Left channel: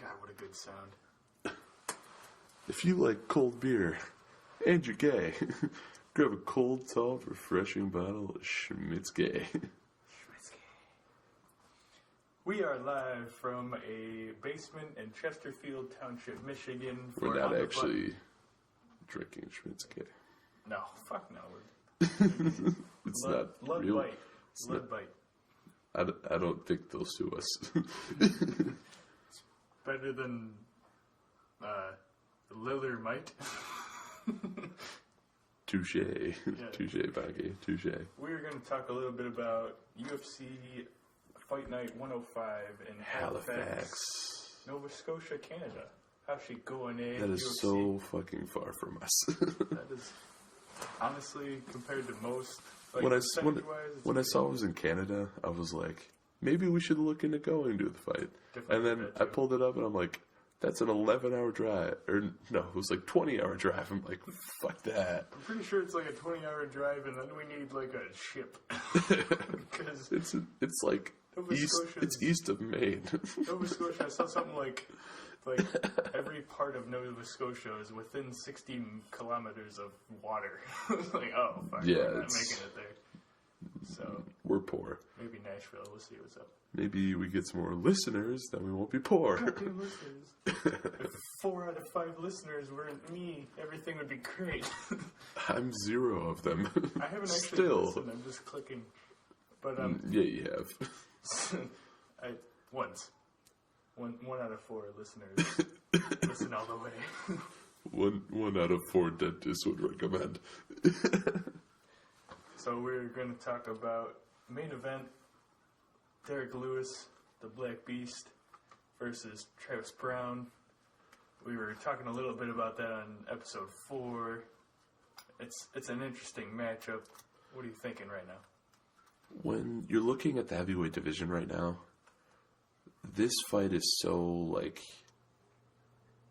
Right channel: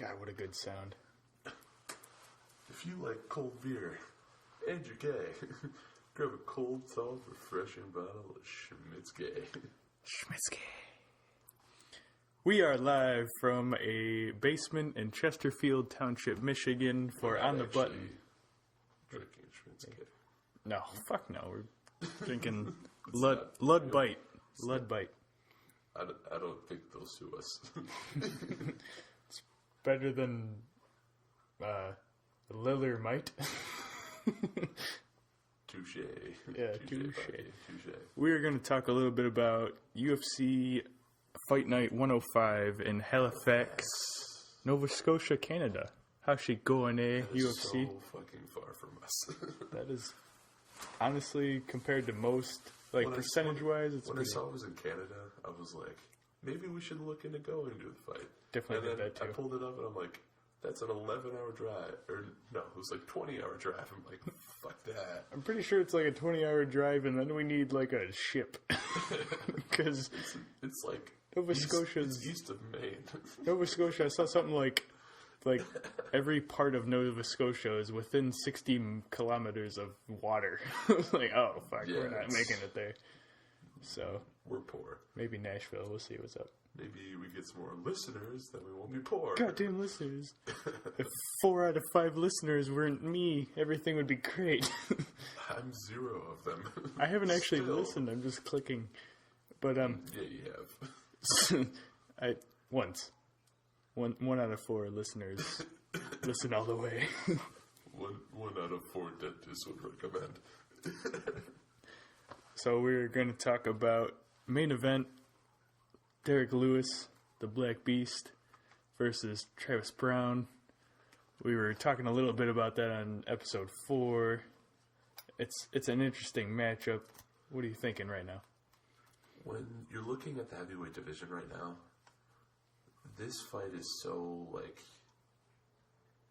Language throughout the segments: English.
God, what a good sound. If you like cold beer and you're gay, grab a cold, salt, refreshing bottle of Schmitzke. Schmitzke. We are live from a basement in Chesterfield Township, Michigan. We're not actually drinking Schmitzke. No, fuck no. We're drinking Lud Bite. Lud Bite. I don't think they'll sue us. It's better than Liller Mite. Touche. Yeah, touche, Baggy. Touche. We're going to talk a little bit about UFC Fight Night 105 in Halifax, Nova Scotia, Canada. How's she going, eh? That is UFC? so fucking far from us. That is, honestly, compared to most, like, when percentage-wise, when I saw it was in Canada, I was like, maybe we should look into going to the fight. Definitely. And then I pulled it up, and I'm like, that's an 11-hour drive. Or, no, it was like 20-hour drive. I'm like, fuck that. I'm pretty sure it's like a 20-hour drive, and then we need, like, a ship. Because it's like Nova Scotia. It's east of Maine. Nova Scotia, I saw something like every part of Nova Scotia is within 60 kilometers of water. I was like, oh, fuck, yeah, we're not making it there. So we're poor. Maybe Nashville. We'll see what's up. Maybe we get some more listeners, then we won't be poor. Goddamn listeners. If 4 out of 5 listeners weren't me, everything would be great. I'm 0 of them. I haven't actually listened. I'm just clicking. But yeah, you have. Once. One out of 4 listeners listen all the way. One out of 4 dentists would recommend. So we're going to talk about main event, Derek Lewis, the Black Beast, versus Travis Brown. We were talking a little bit about that on episode 4. It's an interesting matchup. What are you thinking right now? When you're looking at the heavyweight division right now, this fight is so, like,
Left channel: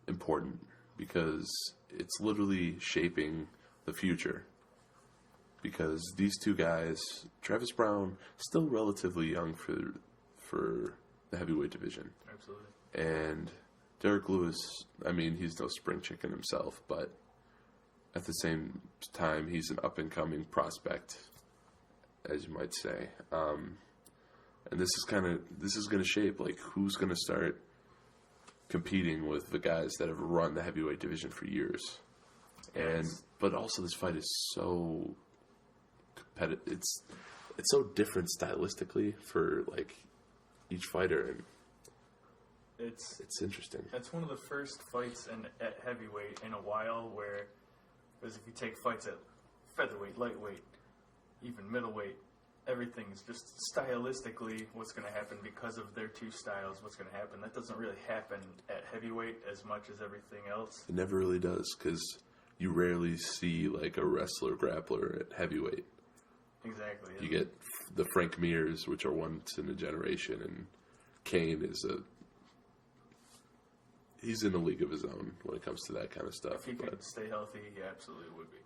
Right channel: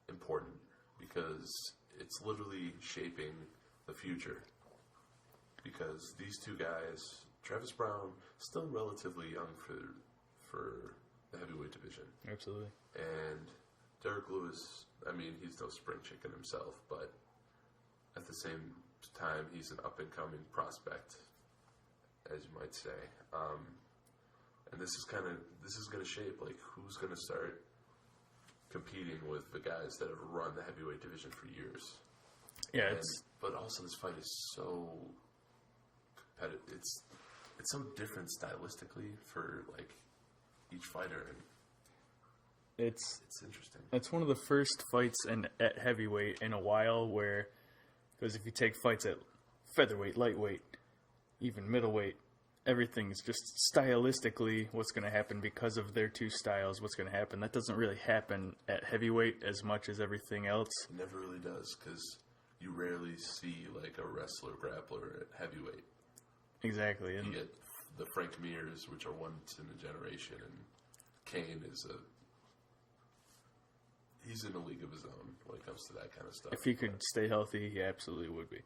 important because it's literally shaping the future. Because these two guys, Travis Brown, still relatively young for the heavyweight division. Absolutely. And Derek Lewis, I mean, he's no spring chicken himself, but at the same time, he's an up-and-coming prospect, as you might say. And this is going to shape, like, who's going to start competing with the guys that have run the heavyweight division for years. Yeah. But also, this fight is so competitive. It's so different stylistically for, like, each fighter, and it's interesting. It's one of the first fights at heavyweight in a while where, because if you take fights at featherweight, lightweight, even middleweight, everything's just stylistically what's going to happen because of their two styles, what's going to happen. That doesn't really happen at heavyweight as much as everything else. It never really does, because you rarely see, like, a wrestler grappler at heavyweight. Exactly. You get the Frank Mears, which are once in a generation, and Kane is he's in a league of his own when it comes to that kind of stuff. If he could stay healthy, he absolutely would be.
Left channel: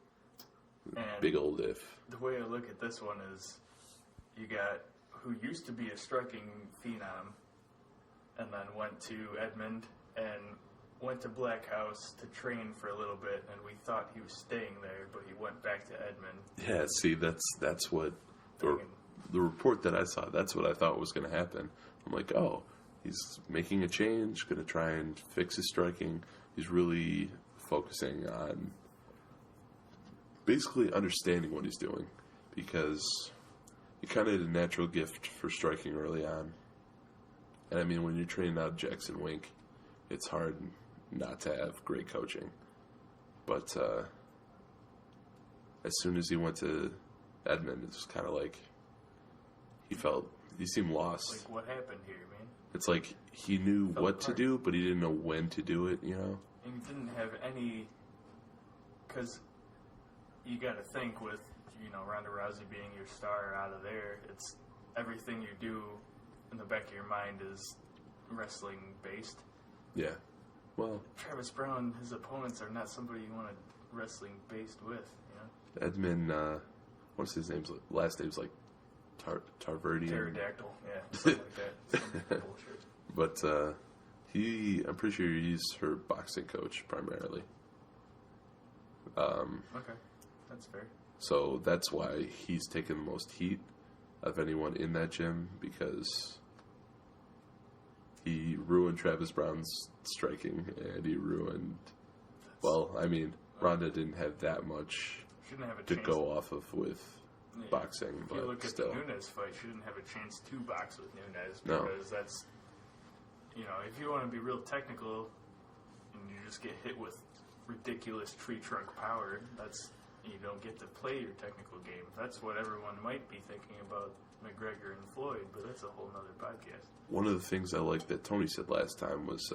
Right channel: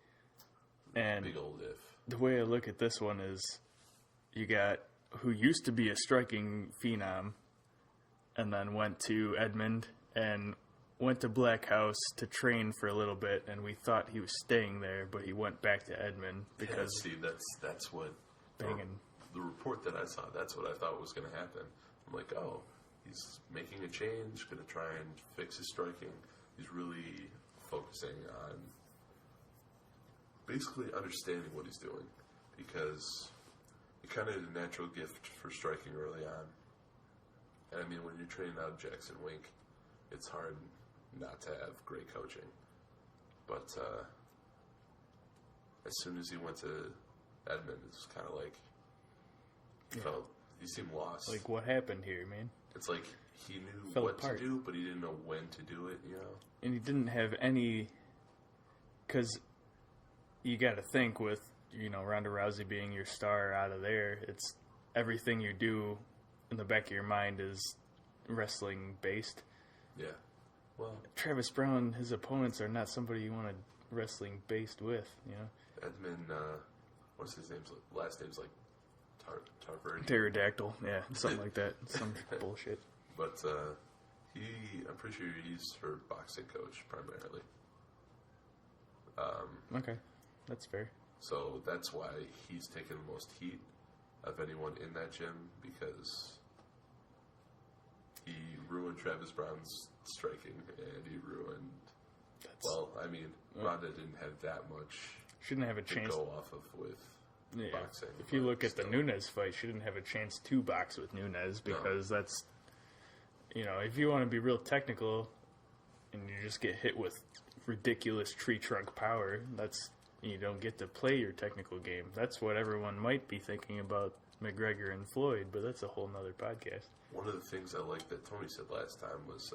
And big old if. The way I look at this one is, you got who used to be a striking phenom, and then went to Edmond and went to Black House to train for a little bit, and we thought he was staying there, but he went back to Edmond. Yeah, see, that's what the report that I saw, that's what I thought was going to happen. I'm like, oh, he's making a change, going to try and fix his striking. He's really focusing on basically understanding what he's doing, because he kind of had a natural gift for striking early on. And I mean, when you're training out Jackson Wink, it's hard not to have great coaching. But as soon as he went to Edmond, it's just kind of like he seemed lost. Like, what happened here, man? It's like he knew what to do, but he didn't know when to do it, you know? And he didn't have any, because you got to think with, you know, Ronda Rousey being your star out of there, it's everything you do in the back of your mind is wrestling based. Yeah. Well, Travis Brown, his opponents are not somebody you want to wrestling based with, you know. Edmund, what's his name? Last name's like Tarverdi. Pterodactyl, yeah, something like that. Some bullshit. But I'm pretty sure he's her boxing coach primarily. Okay, that's fair. So that's why he's taken the most heat of anyone in that gym, because he ruined Travis Brown's striking, and he ruined. Well, I mean, Ronda didn't have that much Shouldn't have a to chance go off of with boxing. If you look at the Nunes fight, she didn't have a chance to box with Nunes because that's, if you want to be real technical and you just get hit with ridiculous tree trunk power, you don't get to play your technical game. That's what everyone might be thinking about McGregor and Floyd, but that's a whole nother podcast. One of the things I liked that Tony said last time was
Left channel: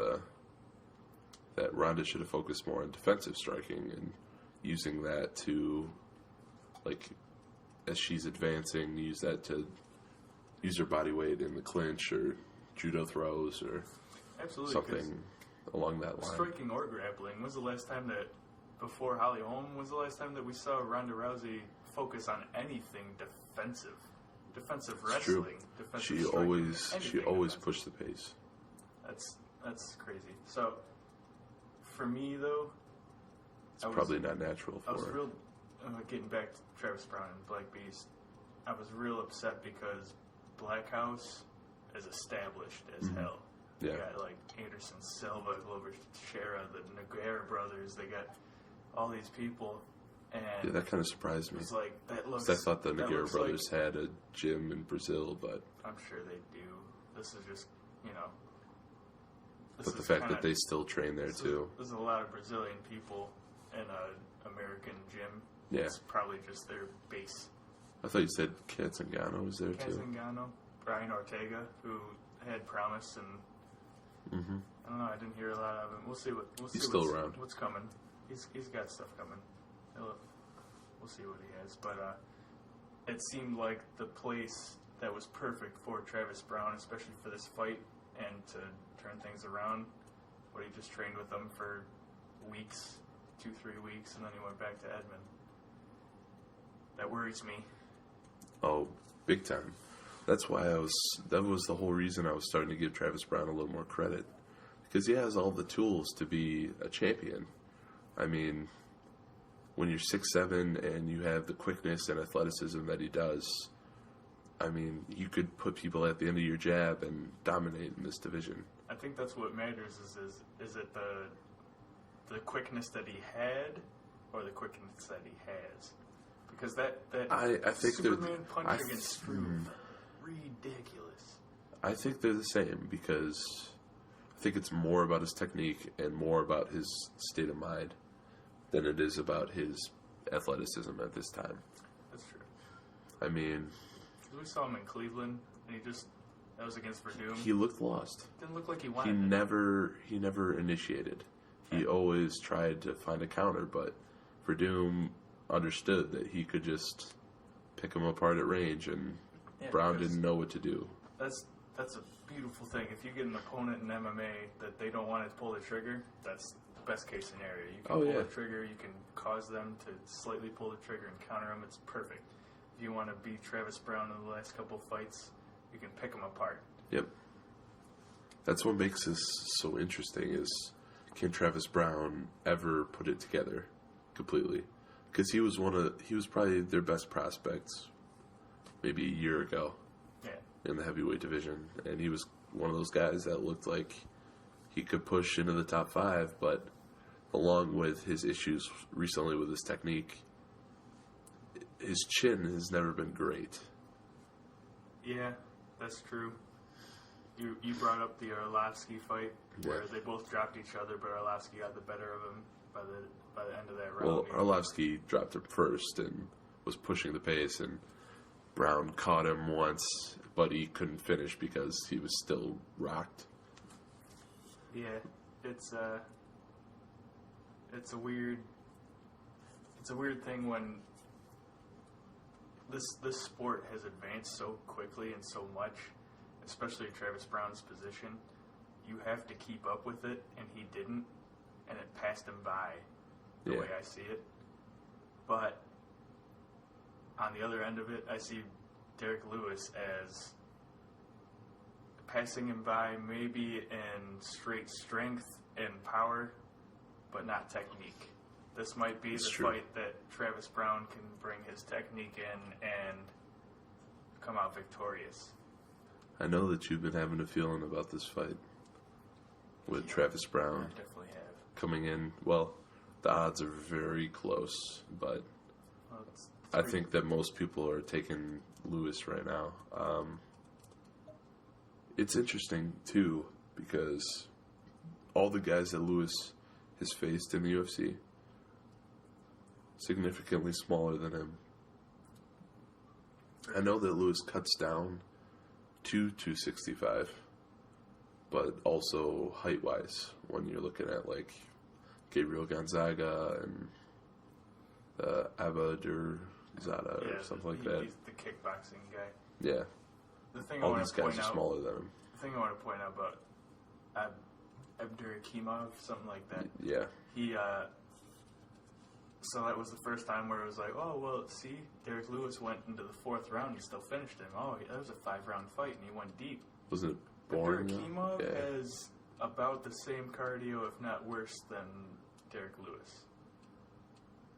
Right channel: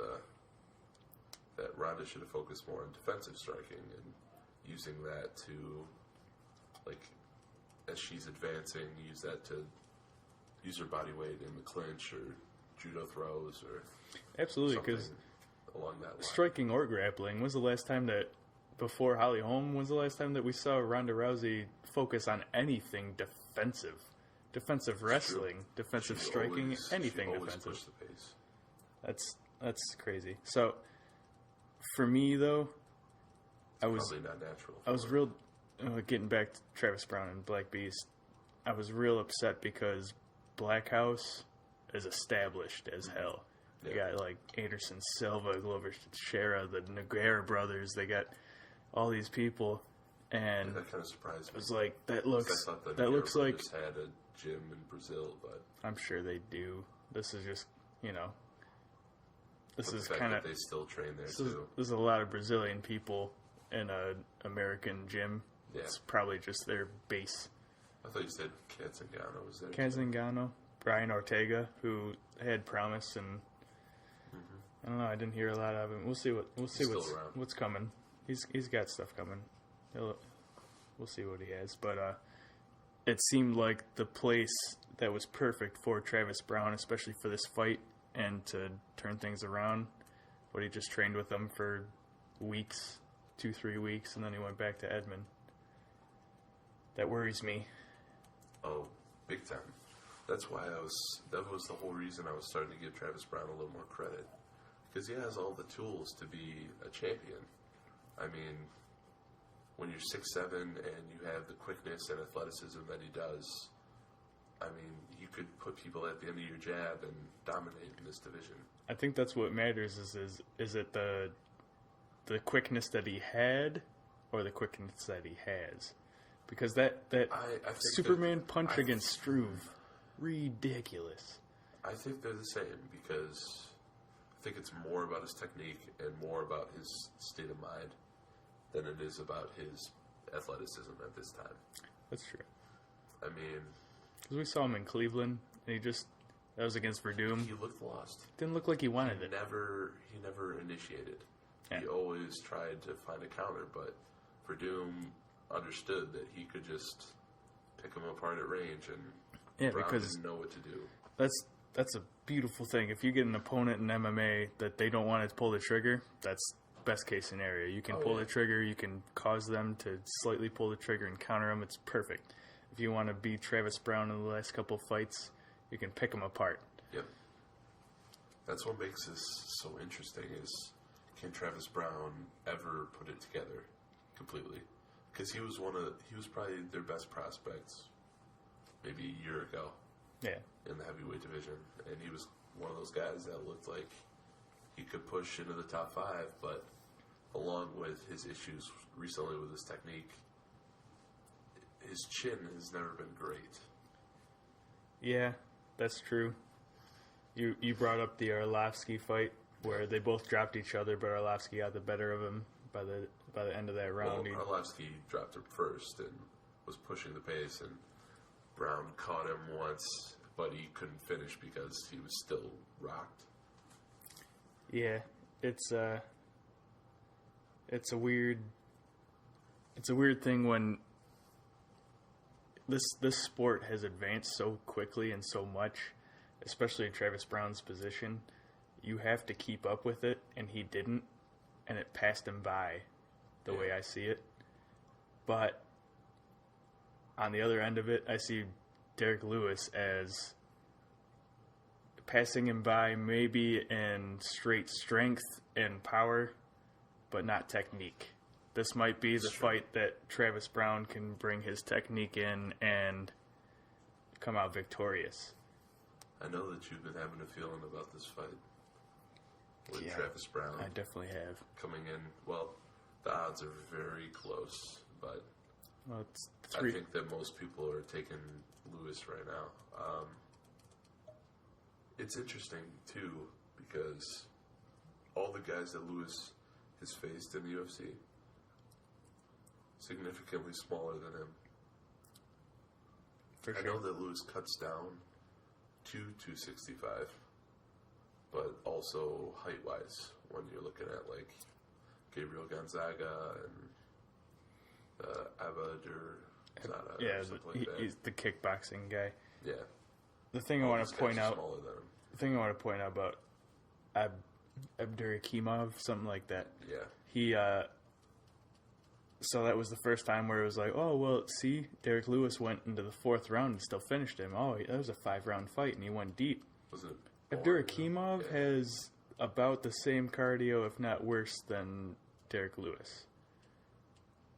that Ronda should have focused more on defensive striking and using that to, like, as she's advancing, use that to use her body weight in the clinch or judo throws or absolutely something along that line. Striking or grappling. When's the last time that, before Holly Holm, when's the last time that we saw Ronda Rousey focus on anything defensive? Defensive wrestling, defensive striking, anything. She always defensive. pushed the pace. That's crazy. So, for me though, probably not natural. I was real. Getting back to Travis Brown and Black Beast, I was real upset because Black House is established as hell. Yeah. You got like Anderson Silva, Glover Shera, the Nogueira brothers. They got all these people, and that kind of surprised me. It was like that looks. I thought the Nogueira brothers had a gym in Brazil, but I'm sure they do. This is just This but is the fact that they still train there too. There's a lot of Brazilian people in a American gym. Yeah. It's probably just their base. I thought you said Kazangano was there too. Kazangano, Brian Ortega, who had promise, and I don't know. I didn't hear a lot of him. We'll see what's coming. He's got stuff coming. We'll see what he has. But it seemed like the place that was perfect for Travis Brown, especially for this fight and to turn things around. But he just trained with them for weeks, 2-3 weeks, and then he went back to Edmond. That worries me. Oh, big time. That was the whole reason I was starting to give Travis Brown a little more credit. Because he has all the tools to be a champion. I mean, when you're 6'7" and you have the quickness and athleticism that he does, I mean, you could put people at the end of your jab and dominate in this division. I think that's what matters is it the quickness that he had or the quickness that he has? Because that I think Superman punch against Struve, ridiculous. I think they're the same because I think it's more about his technique and more about his state of mind than it is about his athleticism at this time. That's true. I mean, because we saw him in Cleveland, and that was against Verdum. He looked lost. Didn't look like he wanted He it. never initiated. Yeah. He always tried to find a counter, but Verdum understood that he could just pick him apart at range, and Brown didn't know what to do. That's a beautiful thing. If you get an opponent in MMA that they don't want to pull the trigger, that's best case scenario. You can pull the trigger, you can cause them to slightly pull the trigger and counter them. It's perfect. If you want to beat Travis Brown in the last couple of fights, you can pick him apart. Yep. That's what makes this so interesting is, can Travis Brown ever put it together completely? Because he was probably their best prospects maybe a year ago. Yeah. In the heavyweight division, and he was one of those guys that looked like he could push into the top 5, but along with his issues recently with his technique, his chin has never been great. Yeah, that's true. You brought up the Arlovsky fight where they both dropped each other, but Arlovsky got the better of him by the end of that round. Well, Arlovsky dropped him first and was pushing the pace, and Brown caught him once, but he couldn't finish because he was still rocked. Yeah, it's a weird thing when this sport has advanced so quickly and so much, especially Travis Brown's position. You have to keep up with it, and he didn't, and it passed him by the way I see it. But on the other end of it, I see Derek Lewis as passing him by maybe in straight strength and power, but not technique. This might be the fight that Travis Brown can bring his technique in and come out victorious. I know that you've been having a feeling about this fight with Travis Brown. I definitely have. Coming in, well, the odds are very close, but I think that most people are taking Lewis right now. It's interesting, too, because all the guys that Lewis has faced in the UFC, significantly smaller than him. I know that Lewis cuts down to 265, but also height-wise, when you're looking at, like, Gabriel Gonzaga and Abadurzaga or something like that. He's the kickboxing guy. Yeah. The thing I want to point out, smaller than him. The thing I want to point out about Abdurakhimov, something like that. Yeah. He, so that was the first time where it was like, oh, well, see, Derek Lewis went into the 4th round and still finished him. Oh, that was a 5-round fight, and he went deep. Wasn't it boring? Abdurakhimov has about the same cardio, if not worse, than Derek Lewis.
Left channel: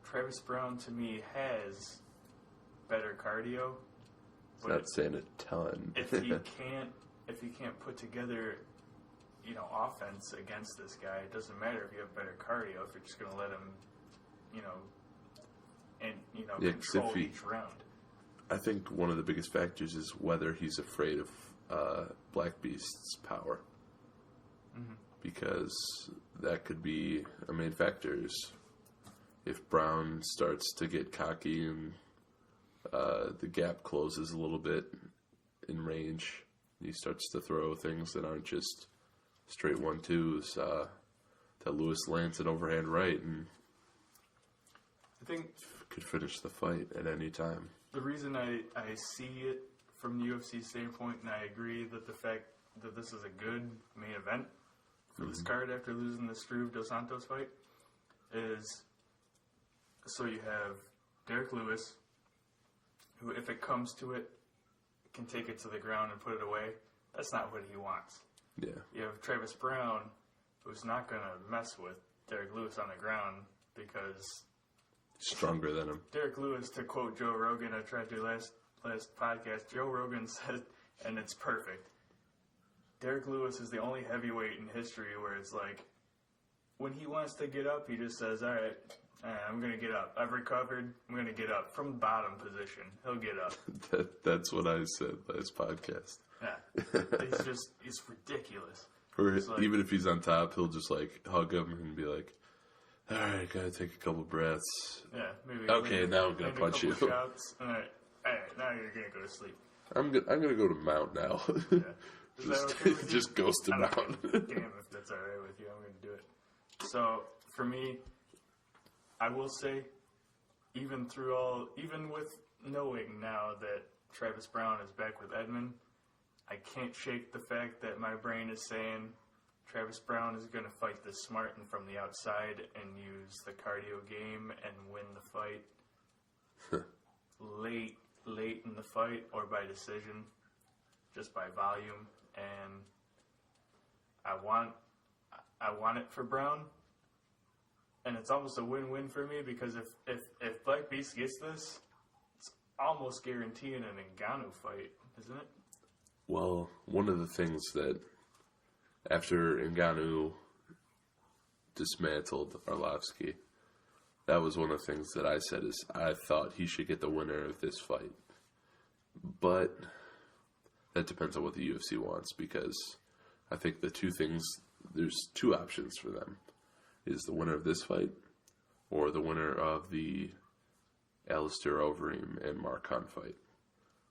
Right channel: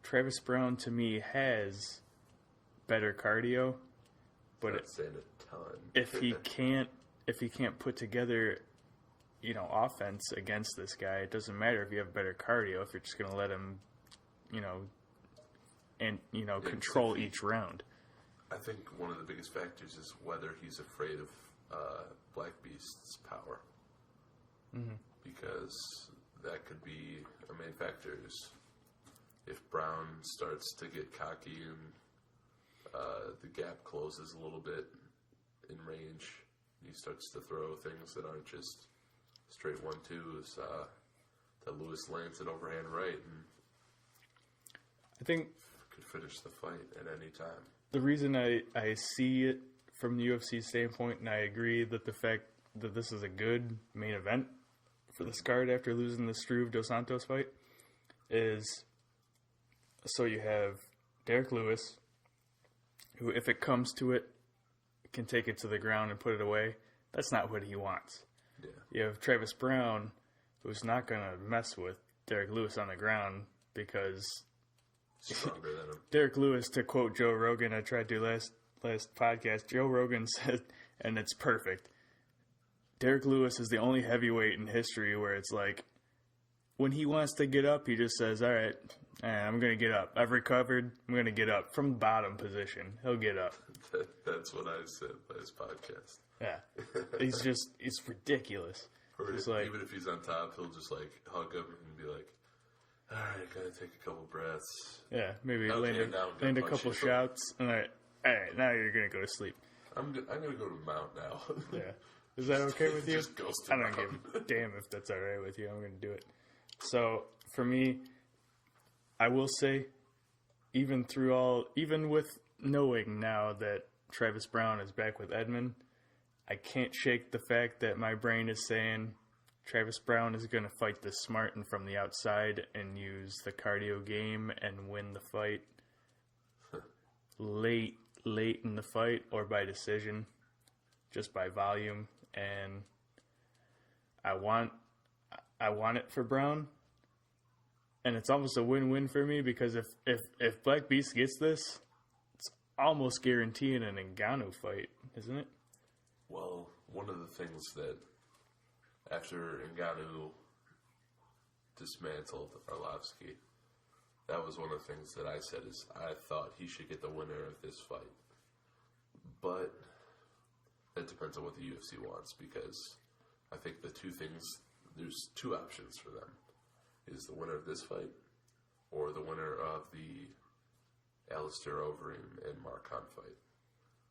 Travis Brown, to me, has better cardio. But not saying a ton. if he can't put together, offense against this guy, it doesn't matter if you have better cardio if you're just going to let him, control each round. I think one of the biggest factors is whether he's afraid of Black Beast's power. Mm-hmm. Because that could be a main factor. If Brown starts to get cocky and the gap closes a little bit in range, he starts to throw things that aren't just straight 1-2s, that Lewis lands an overhand right and I think could finish the fight at any time. The reason I see it from the UFC standpoint, and I agree that the fact that this is a good main event for this card after losing the Struve Dos Santos fight, is so you have Derek Lewis, who, if it comes to it, can take it to the ground and put it away. That's not what he wants. Yeah. You have Travis Brown, who's not going to mess with Derek Lewis on the ground because stronger than him. Derek Lewis, to quote Joe Rogan, I tried to last podcast, Joe Rogan said, and it's perfect, Derek Lewis is the only heavyweight in history where it's like, when he wants to get up, he just says, all right, I'm going to get up. I've recovered. I'm going to get up. From bottom position, he'll get up. That's what I said last podcast. Yeah. He's ridiculous. Or even if he's on top, he'll just, hug him and be like, all right, gotta take a couple breaths. Yeah, maybe now I'm gonna punch a couple shots. And all right, now you're gonna go to sleep. I'm gonna go to Mount now. Yeah, is that okay with you? Just goes to Mount. I don't give a damn if that's all right with you. I'm gonna do it. So for me, I will say, even with knowing now that Travis Brown is back with Edmond, I can't shake the fact that my brain is saying Travis Brown is going to fight this smart and from the outside and use the cardio game and win the fight late in the fight or by decision, just by volume. And I want it for Brown, and it's almost a win-win for me because if Black Beast gets this, it's almost guaranteeing an Ngannou fight, isn't it? Well, one of the things that after Ngannou dismantled Arlovsky, that was one of the things that I said is I thought he should get the winner of this fight. But that depends on what the UFC wants, because I think there's two options for them. Is the winner of this fight or the winner of the Alistair Overeem and Mark Hunt fight.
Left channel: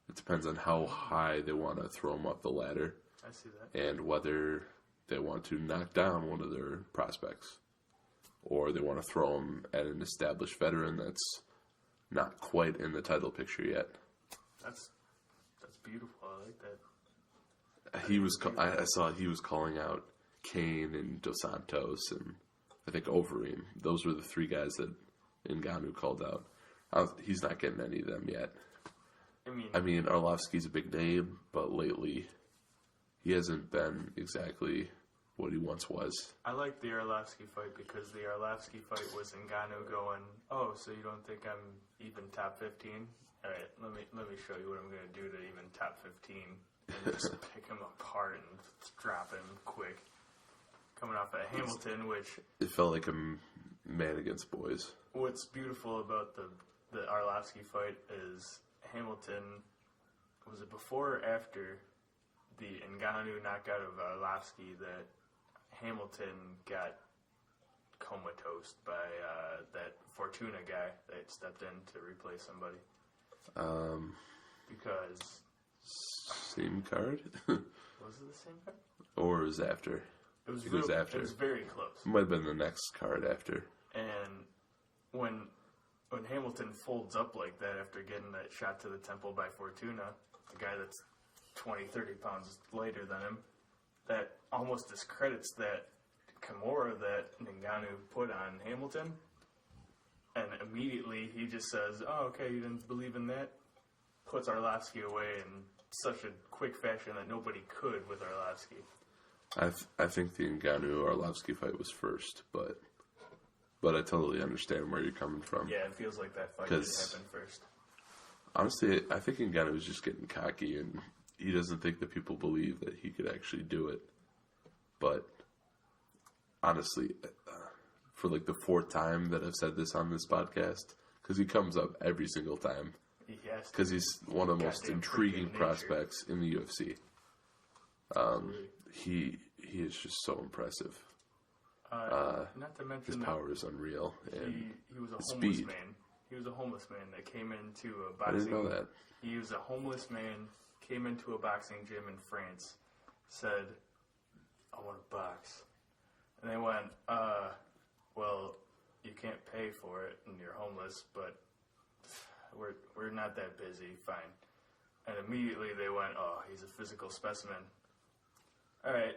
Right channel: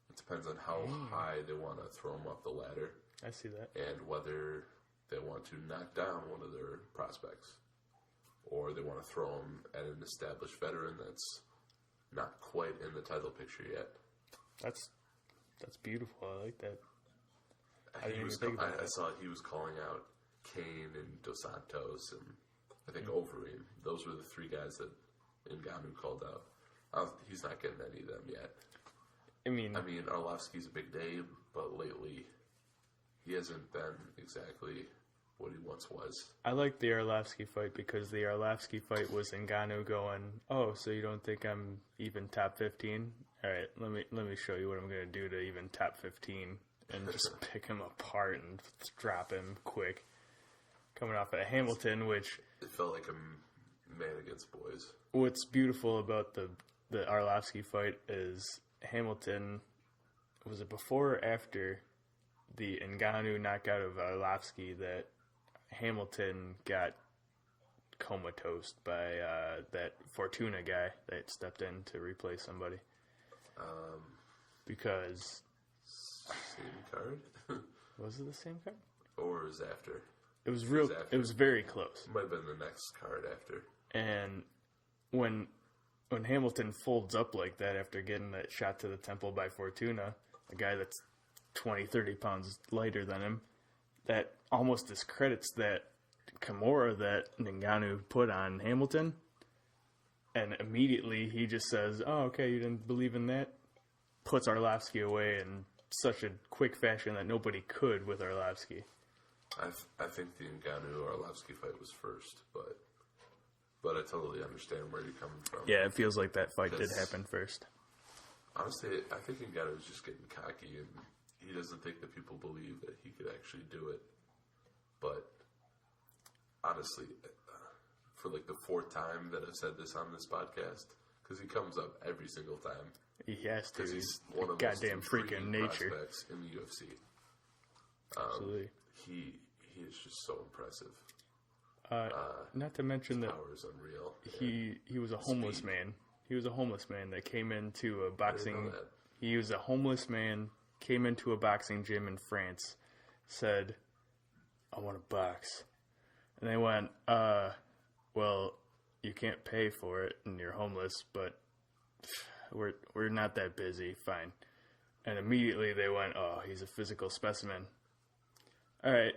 It depends on how high they want to throw him up the ladder. I see that. And whether they want to knock down one of their prospects, or they want to throw him at an established veteran that's not quite in the title picture yet. That's beautiful. I like that. I saw he was calling out Kane and Dos Santos and I think Overeem. Those were the three guys that Ngannou called out. He's not getting any of them yet. I mean, Arlovsky's a big name, but lately he hasn't been exactly what he once was. I like the Arlovsky fight because the Arlovsky fight was Ngannou going, oh, so you don't think I'm even top 15? All right, let me show you what I'm going to do to even top 15 and just pick him apart and drop him quick. Coming off at Hamilton, which... It felt like a man against boys. What's beautiful about the Arlovsky fight is Hamilton, was it before or after the Ngannou knockout of Arlovsky that Hamilton got comatose by that Fortuna guy that stepped in to replace somebody? Because... Same card? Was it the same card? Or it was after? It was real. It was very close. It might have been the next card after. And when Hamilton folds up like that after getting that shot to the temple by Fortuna, a guy that's 20, 30 pounds lighter than him, that almost discredits that Kimura that Ngannou put on Hamilton. And immediately he just says, oh, okay, you didn't believe in that? Puts Arlovsky away in such a quick fashion that nobody could with Arlovsky. I think the Ngannou-Arlovsky fight was first, but I totally understand where you're coming from. Yeah, it feels like that fight did happen first. Honestly, I think Ngannou was just getting cocky, and he doesn't think that people believe that he could actually do it. But honestly, for like the fourth time that I've said this on this podcast, because he comes up every single time. He has to. Because he's one of the most intriguing prospects in the UFC. Absolutely. He is just so impressive. Not to mention his power is unreal. He was a homeless man. He was a homeless man that came into a boxing. I didn't know that. He was a homeless man, came into a boxing gym in France, said, I want to box. And they went, well, you can't pay for it and you're homeless, but we're not that busy, fine. And immediately they went, oh, he's a physical specimen. All right,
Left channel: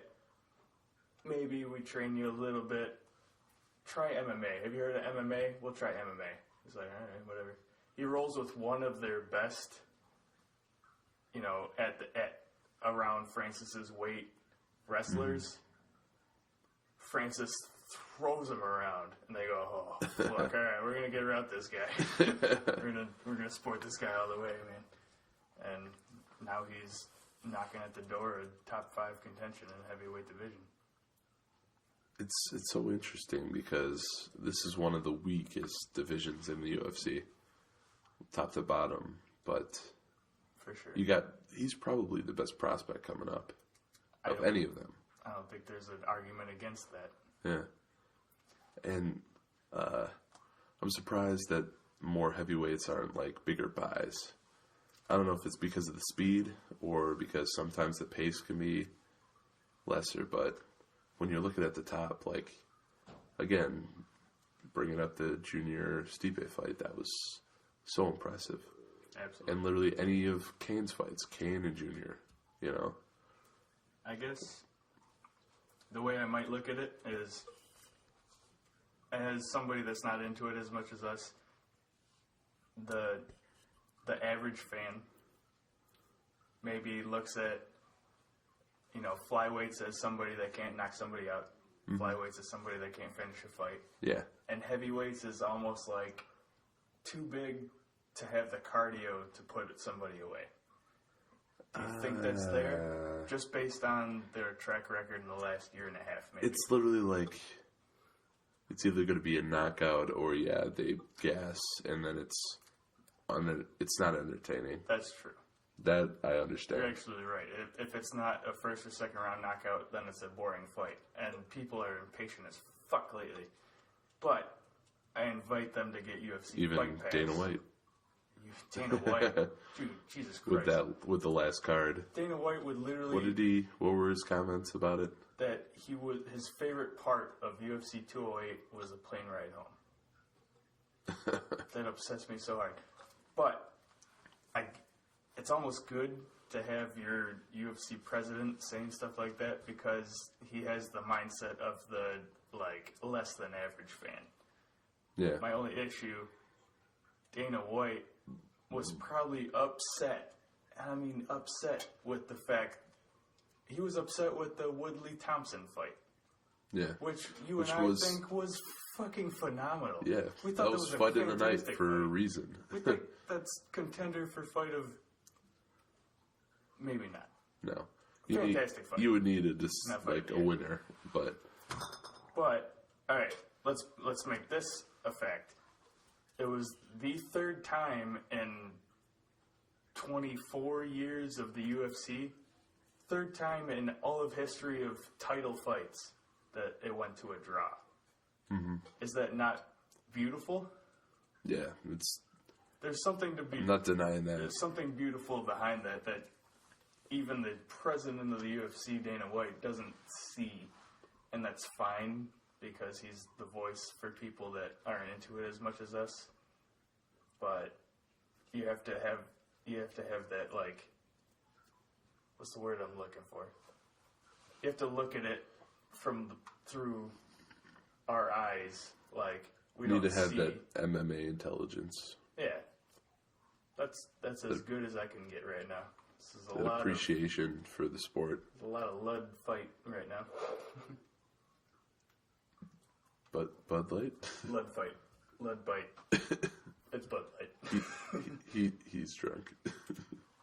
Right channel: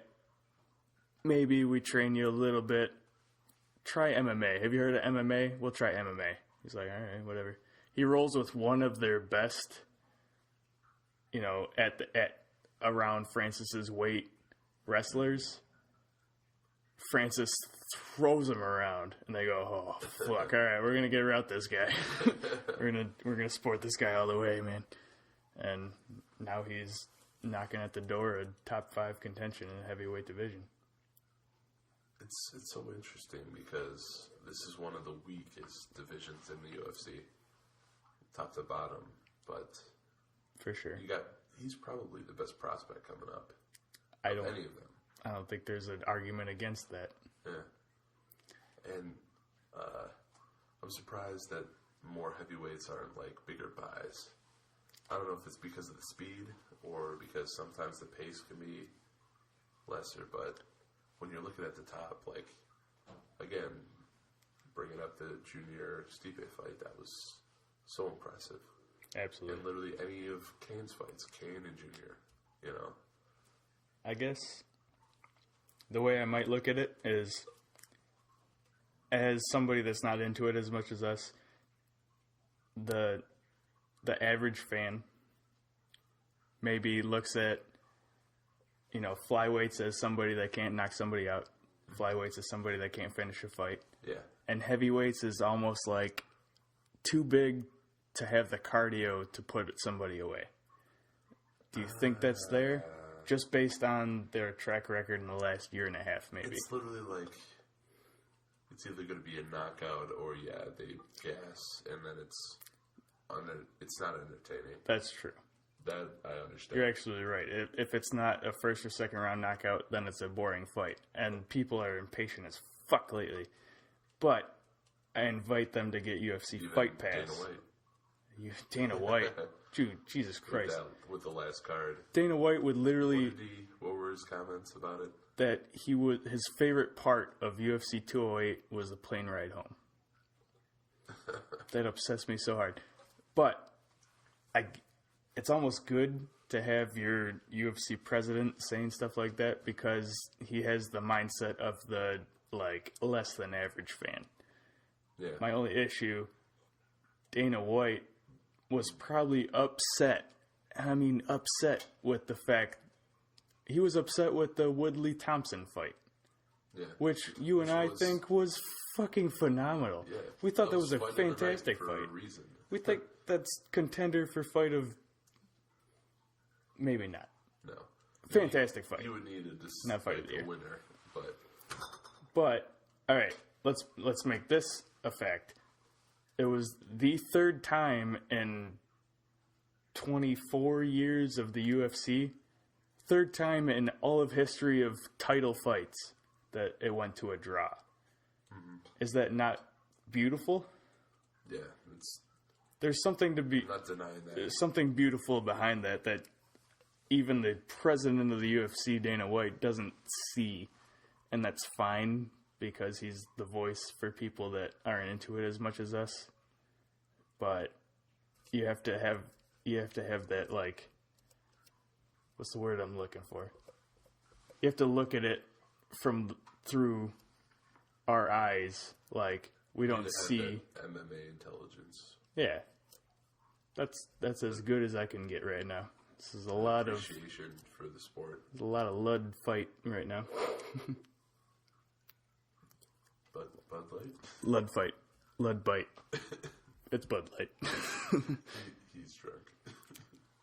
maybe we train you a little bit. Try MMA. Have you heard of MMA? We'll try MMA. He's like, all right, whatever. He rolls with one of their best, at around Francis's weight wrestlers. Francis throws him around, and they go, oh, fuck, all right, we're going to get around this guy. we're gonna sport this guy all the way, man. And now he's knocking at the door of top 5 contention in the heavyweight division. It's so interesting because this is one of the weakest divisions in the UFC, top to bottom. But for sure, he's probably the best prospect coming up of any of them. I don't think there's an argument against that. Yeah, and I'm surprised that more heavyweights aren't like bigger buys. I don't know if it's because of the speed or because sometimes the pace can be lesser, but when you're looking at the top, like, again, bringing up the Junior Stipe fight, that was so impressive. Absolutely. And literally any of Kane's fights, Kane and Junior, I guess the way I might look at it is, as somebody that's not into it as much as us, the average fan maybe looks at, flyweights as somebody that can't knock somebody out. Mm-hmm. Flyweights as somebody that can't finish a fight. Yeah. And heavyweights is almost like too big to have the cardio to put somebody away. Do you think that's there? Just based on their track record in the last year and a half, maybe. It's literally like, it's either going to be a knockout or, they gas, and then it's not entertaining. That's true. That I understand. You're absolutely right. If it's not a first or second round knockout, then it's a boring fight. And people are impatient as fuck lately. But I invite them to get UFC Even Fight Pass. Dana White. Dana White. Dude, Jesus Christ. With the last card. Dana White would literally... What were his comments about it? That his favorite part of UFC 208 was the plane ride home. That upsets me so hard. But it's almost good to have your UFC president saying stuff like that because he has the mindset of the, less than average fan. Yeah. My only issue, Dana White was probably upset. I mean, upset with the fact he was upset with the Woodley Thompson fight. Yeah. Which you and I think was fucking phenomenal. Yeah. We thought that was a fantastic for fight. a reason. We think that's contender for fight of... Maybe not. No. Fantastic fight. You would need a winner, but... But, alright, let's make this a fact. It was the third time in 24 years of the UFC, third time in all of history of title fights that it went to a draw. Mm-hmm. Is that not beautiful? Yeah, there's something to be... I'm not denying that. There's something beautiful behind that even the president of the UFC, Dana White, doesn't see. And that's fine, because he's the voice for people that aren't into it as much as us. But you have to have that, like... What's the word I'm looking for? You have to look at it through our eyes, like we don't see. Need to have that MMA intelligence. Yeah, that's as good as I can get right now. This is a lot of appreciation for the sport. There's a lot of Lud fight right now. Bud Light. Lud fight. Lud bite. It's Bud Light. He's drunk.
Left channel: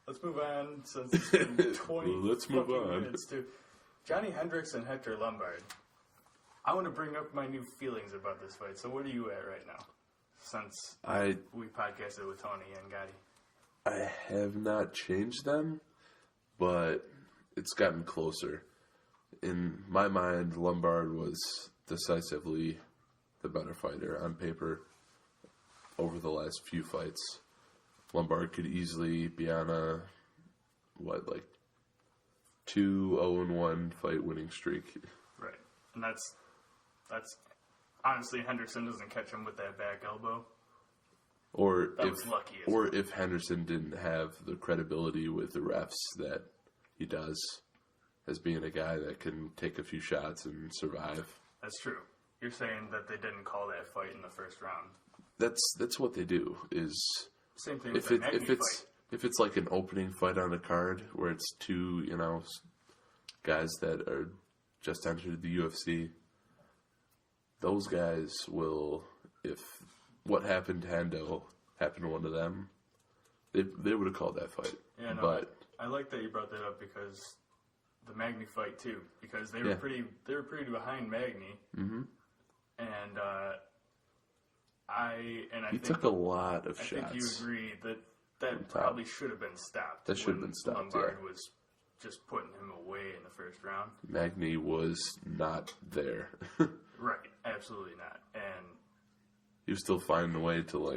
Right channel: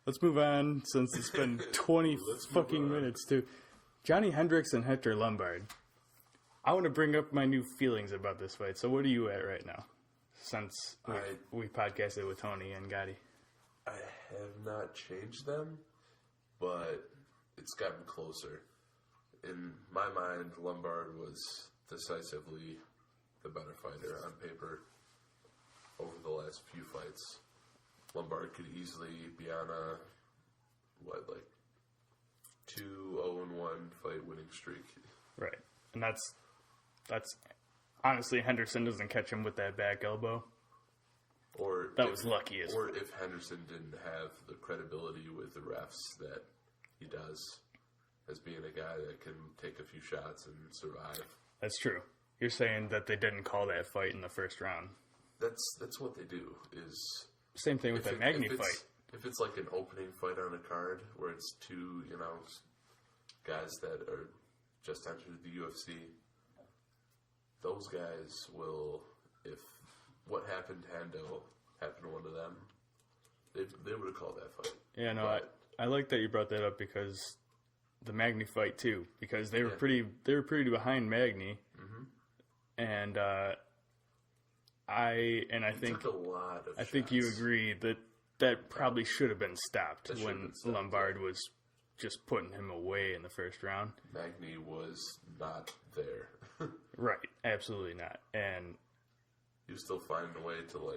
Let's move on, since it's been 20 fucking minutes, too. Johnny Hendricks and Hector Lombard. I want to bring up my new feelings about this fight. So what are you at right now? Since we podcasted with Tony and Gotti. I have not changed them, but it's gotten closer. In my mind, Lombard was decisively the better fighter on paper over the last few fights. Lombard could easily be on a 2-0-1 fight winning streak. Right. And that's honestly, Henderson doesn't catch him with that back elbow. That was lucky as well. If Henderson didn't have the credibility with the refs that he does, as being a guy that can take a few shots and survive. That's true. You're saying that they didn't call that fight in the first round. That's what they do. Is same thing with the Magny fight. If it's like an opening fight on a card where it's two, guys that are just entered the UFC, those guys will, if what happened to Hendo happened to one of them, they would have called that fight. Yeah, no, but I like that you brought that up, because the Magny fight too, because they were pretty behind Magny, and I think took a lot of shots. I think you agree that probably should have been stopped Lombard was just putting him away in the first round. Magny was not there. Right, absolutely not. And he was still finding a way to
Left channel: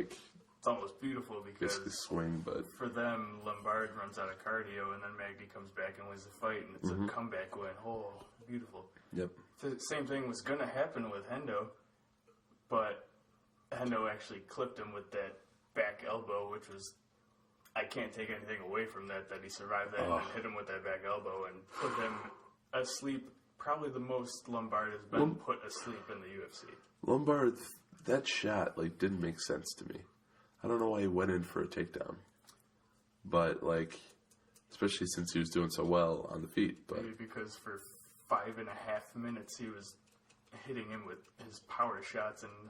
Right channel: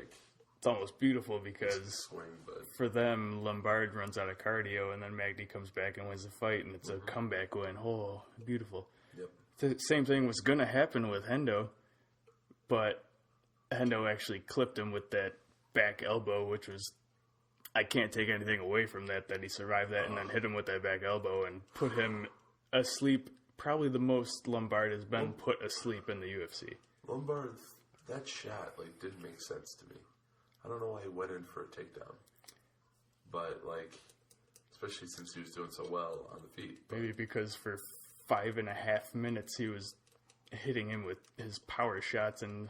it's almost beautiful, because the swing, but for them, Lombard runs out of cardio, and then Magny comes back and wins the fight, and it's a comeback win. Oh, beautiful. Yep. The same thing was going to happen with Hendo, but Hendo actually clipped him with that back elbow, which was, I can't take anything away from that he survived that and then hit him with that back elbow and put him asleep. Probably the most Lombard has been put asleep in the UFC. Lombard, that shot didn't make sense to me. I don't know why he went in for a takedown, but especially since he was doing so well on the feet. But maybe because for 5.5 minutes he was hitting him with his power shots, and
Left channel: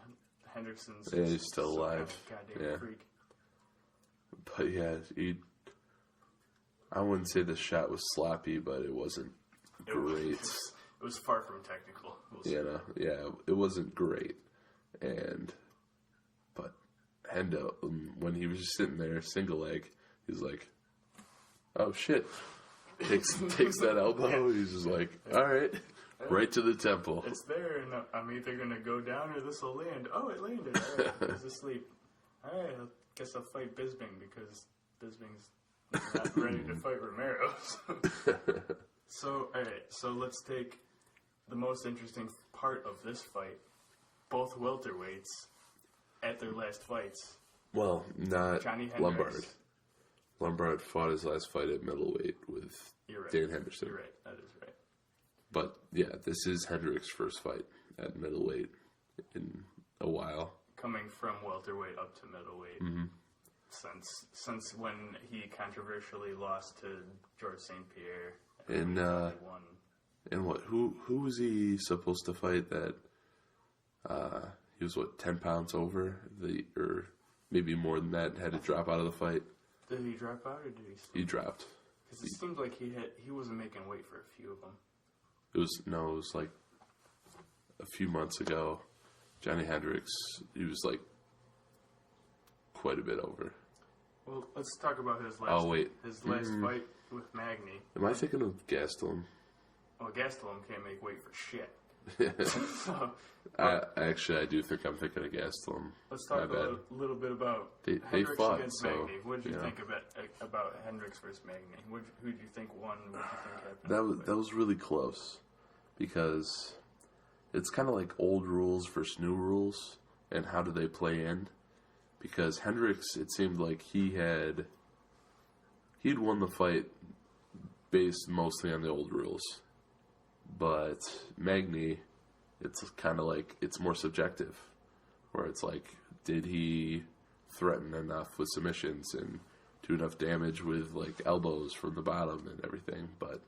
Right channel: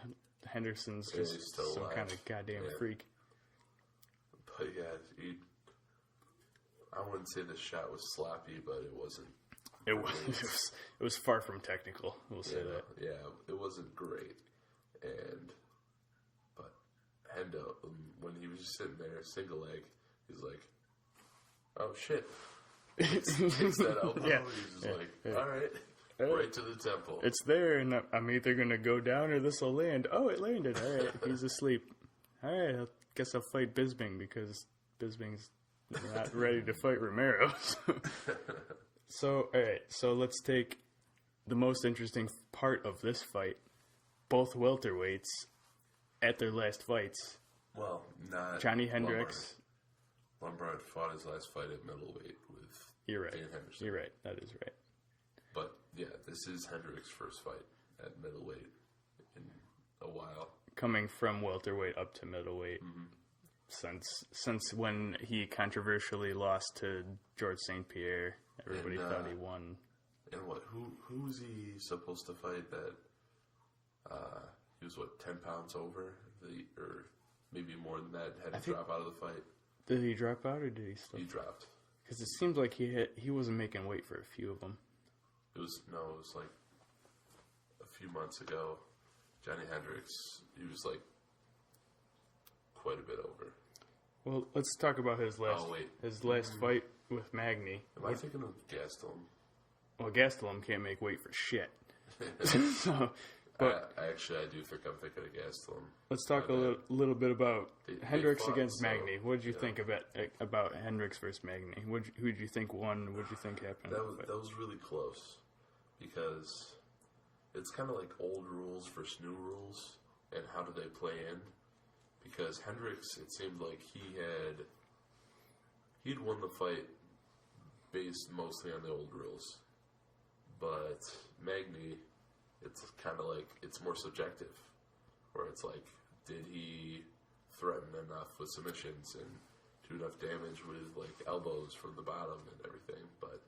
Henderson's just he's still some alive. kind of goddamn freak. But yeah, I wouldn't say the shot was sloppy, but it wasn't great. It was far from technical. We'll say that. Yeah, it wasn't great. But Hendo, when he was just sitting there, single leg, he's like, oh shit. Takes that elbow, he's just all right. Right to the temple. It's there, and I'm either going to go down or this will land. Oh, it landed. All right, he's asleep. All right, I guess I'll fight Bisping, because Bisping's not ready to fight Romero. So, all right, so let's take the most interesting part of this fight. Both welterweights at their last fights. Well, not Johnny Hendricks. Lombard fought his last fight at middleweight with Dan Henderson. You're right. That is right. But, yeah, this is Hendricks' first fight at middleweight in a while. Coming from welterweight up to middleweight. Mm-hmm. Since when he controversially lost to George St. Pierre Everybody thought he won. And what? Who was he supposed to fight? That he was 10 pounds over or maybe more than that. Had to drop out of the fight. Did he drop out or did he still? He dropped. Because it seemed like he wasn't making weight for a few of them. It was like a few months ago. Johnny Hendricks, he was like quite a bit over. Well, let's talk about his last fight with Magny. Am I thinking of Gastelum? Well, Gastelum can't make weight for shit. So, I do think I'm thinking of Gastelum. Let's talk a little bit about Hendricks against Magny. What did you think about Hendricks versus Magny? Who did you think won? What did you think happened? That was really close because it's kind of like old rules versus new rules, and how do they play in? Because Hendricks, it seemed like he'd won the fight based mostly on the old rules. But Magny, it's kind of like, it's more subjective. Where it's like, did he threaten enough with submissions and do enough damage with like elbows from the bottom and everything? But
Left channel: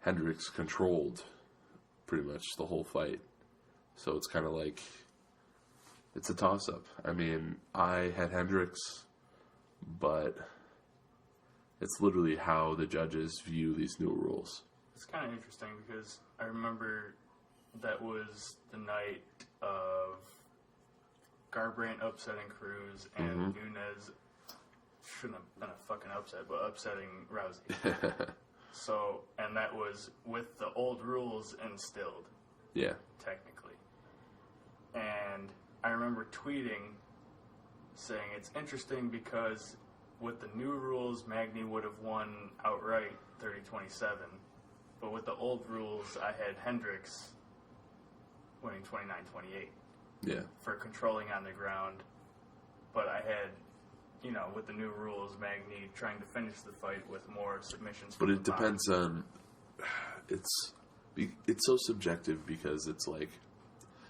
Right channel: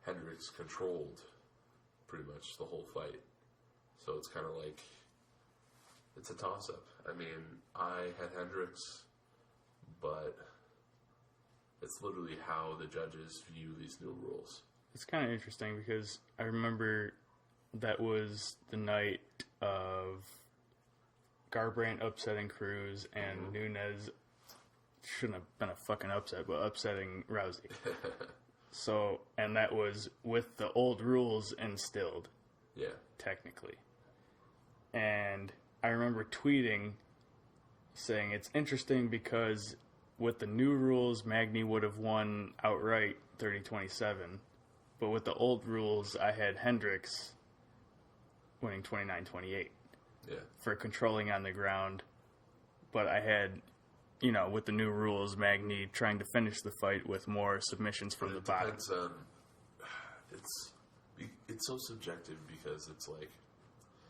Hendricks controlled pretty much the whole fight. So it's kind of like, it's a toss-up. I mean, I had Hendricks, but it's literally how the judges view these new rules. It's kind of interesting because I remember that was the night of Garbrandt upsetting Cruz and Nunes shouldn't have been a fucking upset, but upsetting Rousey. So, and that was with the old rules instilled. Yeah. Technically. And I remember tweeting saying it's interesting because with the new rules, Magny would have won outright 30-27. But with the old rules, I had Hendricks winning 29-28. Yeah. For controlling on the ground. But I had, with the new rules, Magny trying to finish the fight with more submissions from the bottom. But it depends on... It's so subjective because it's like,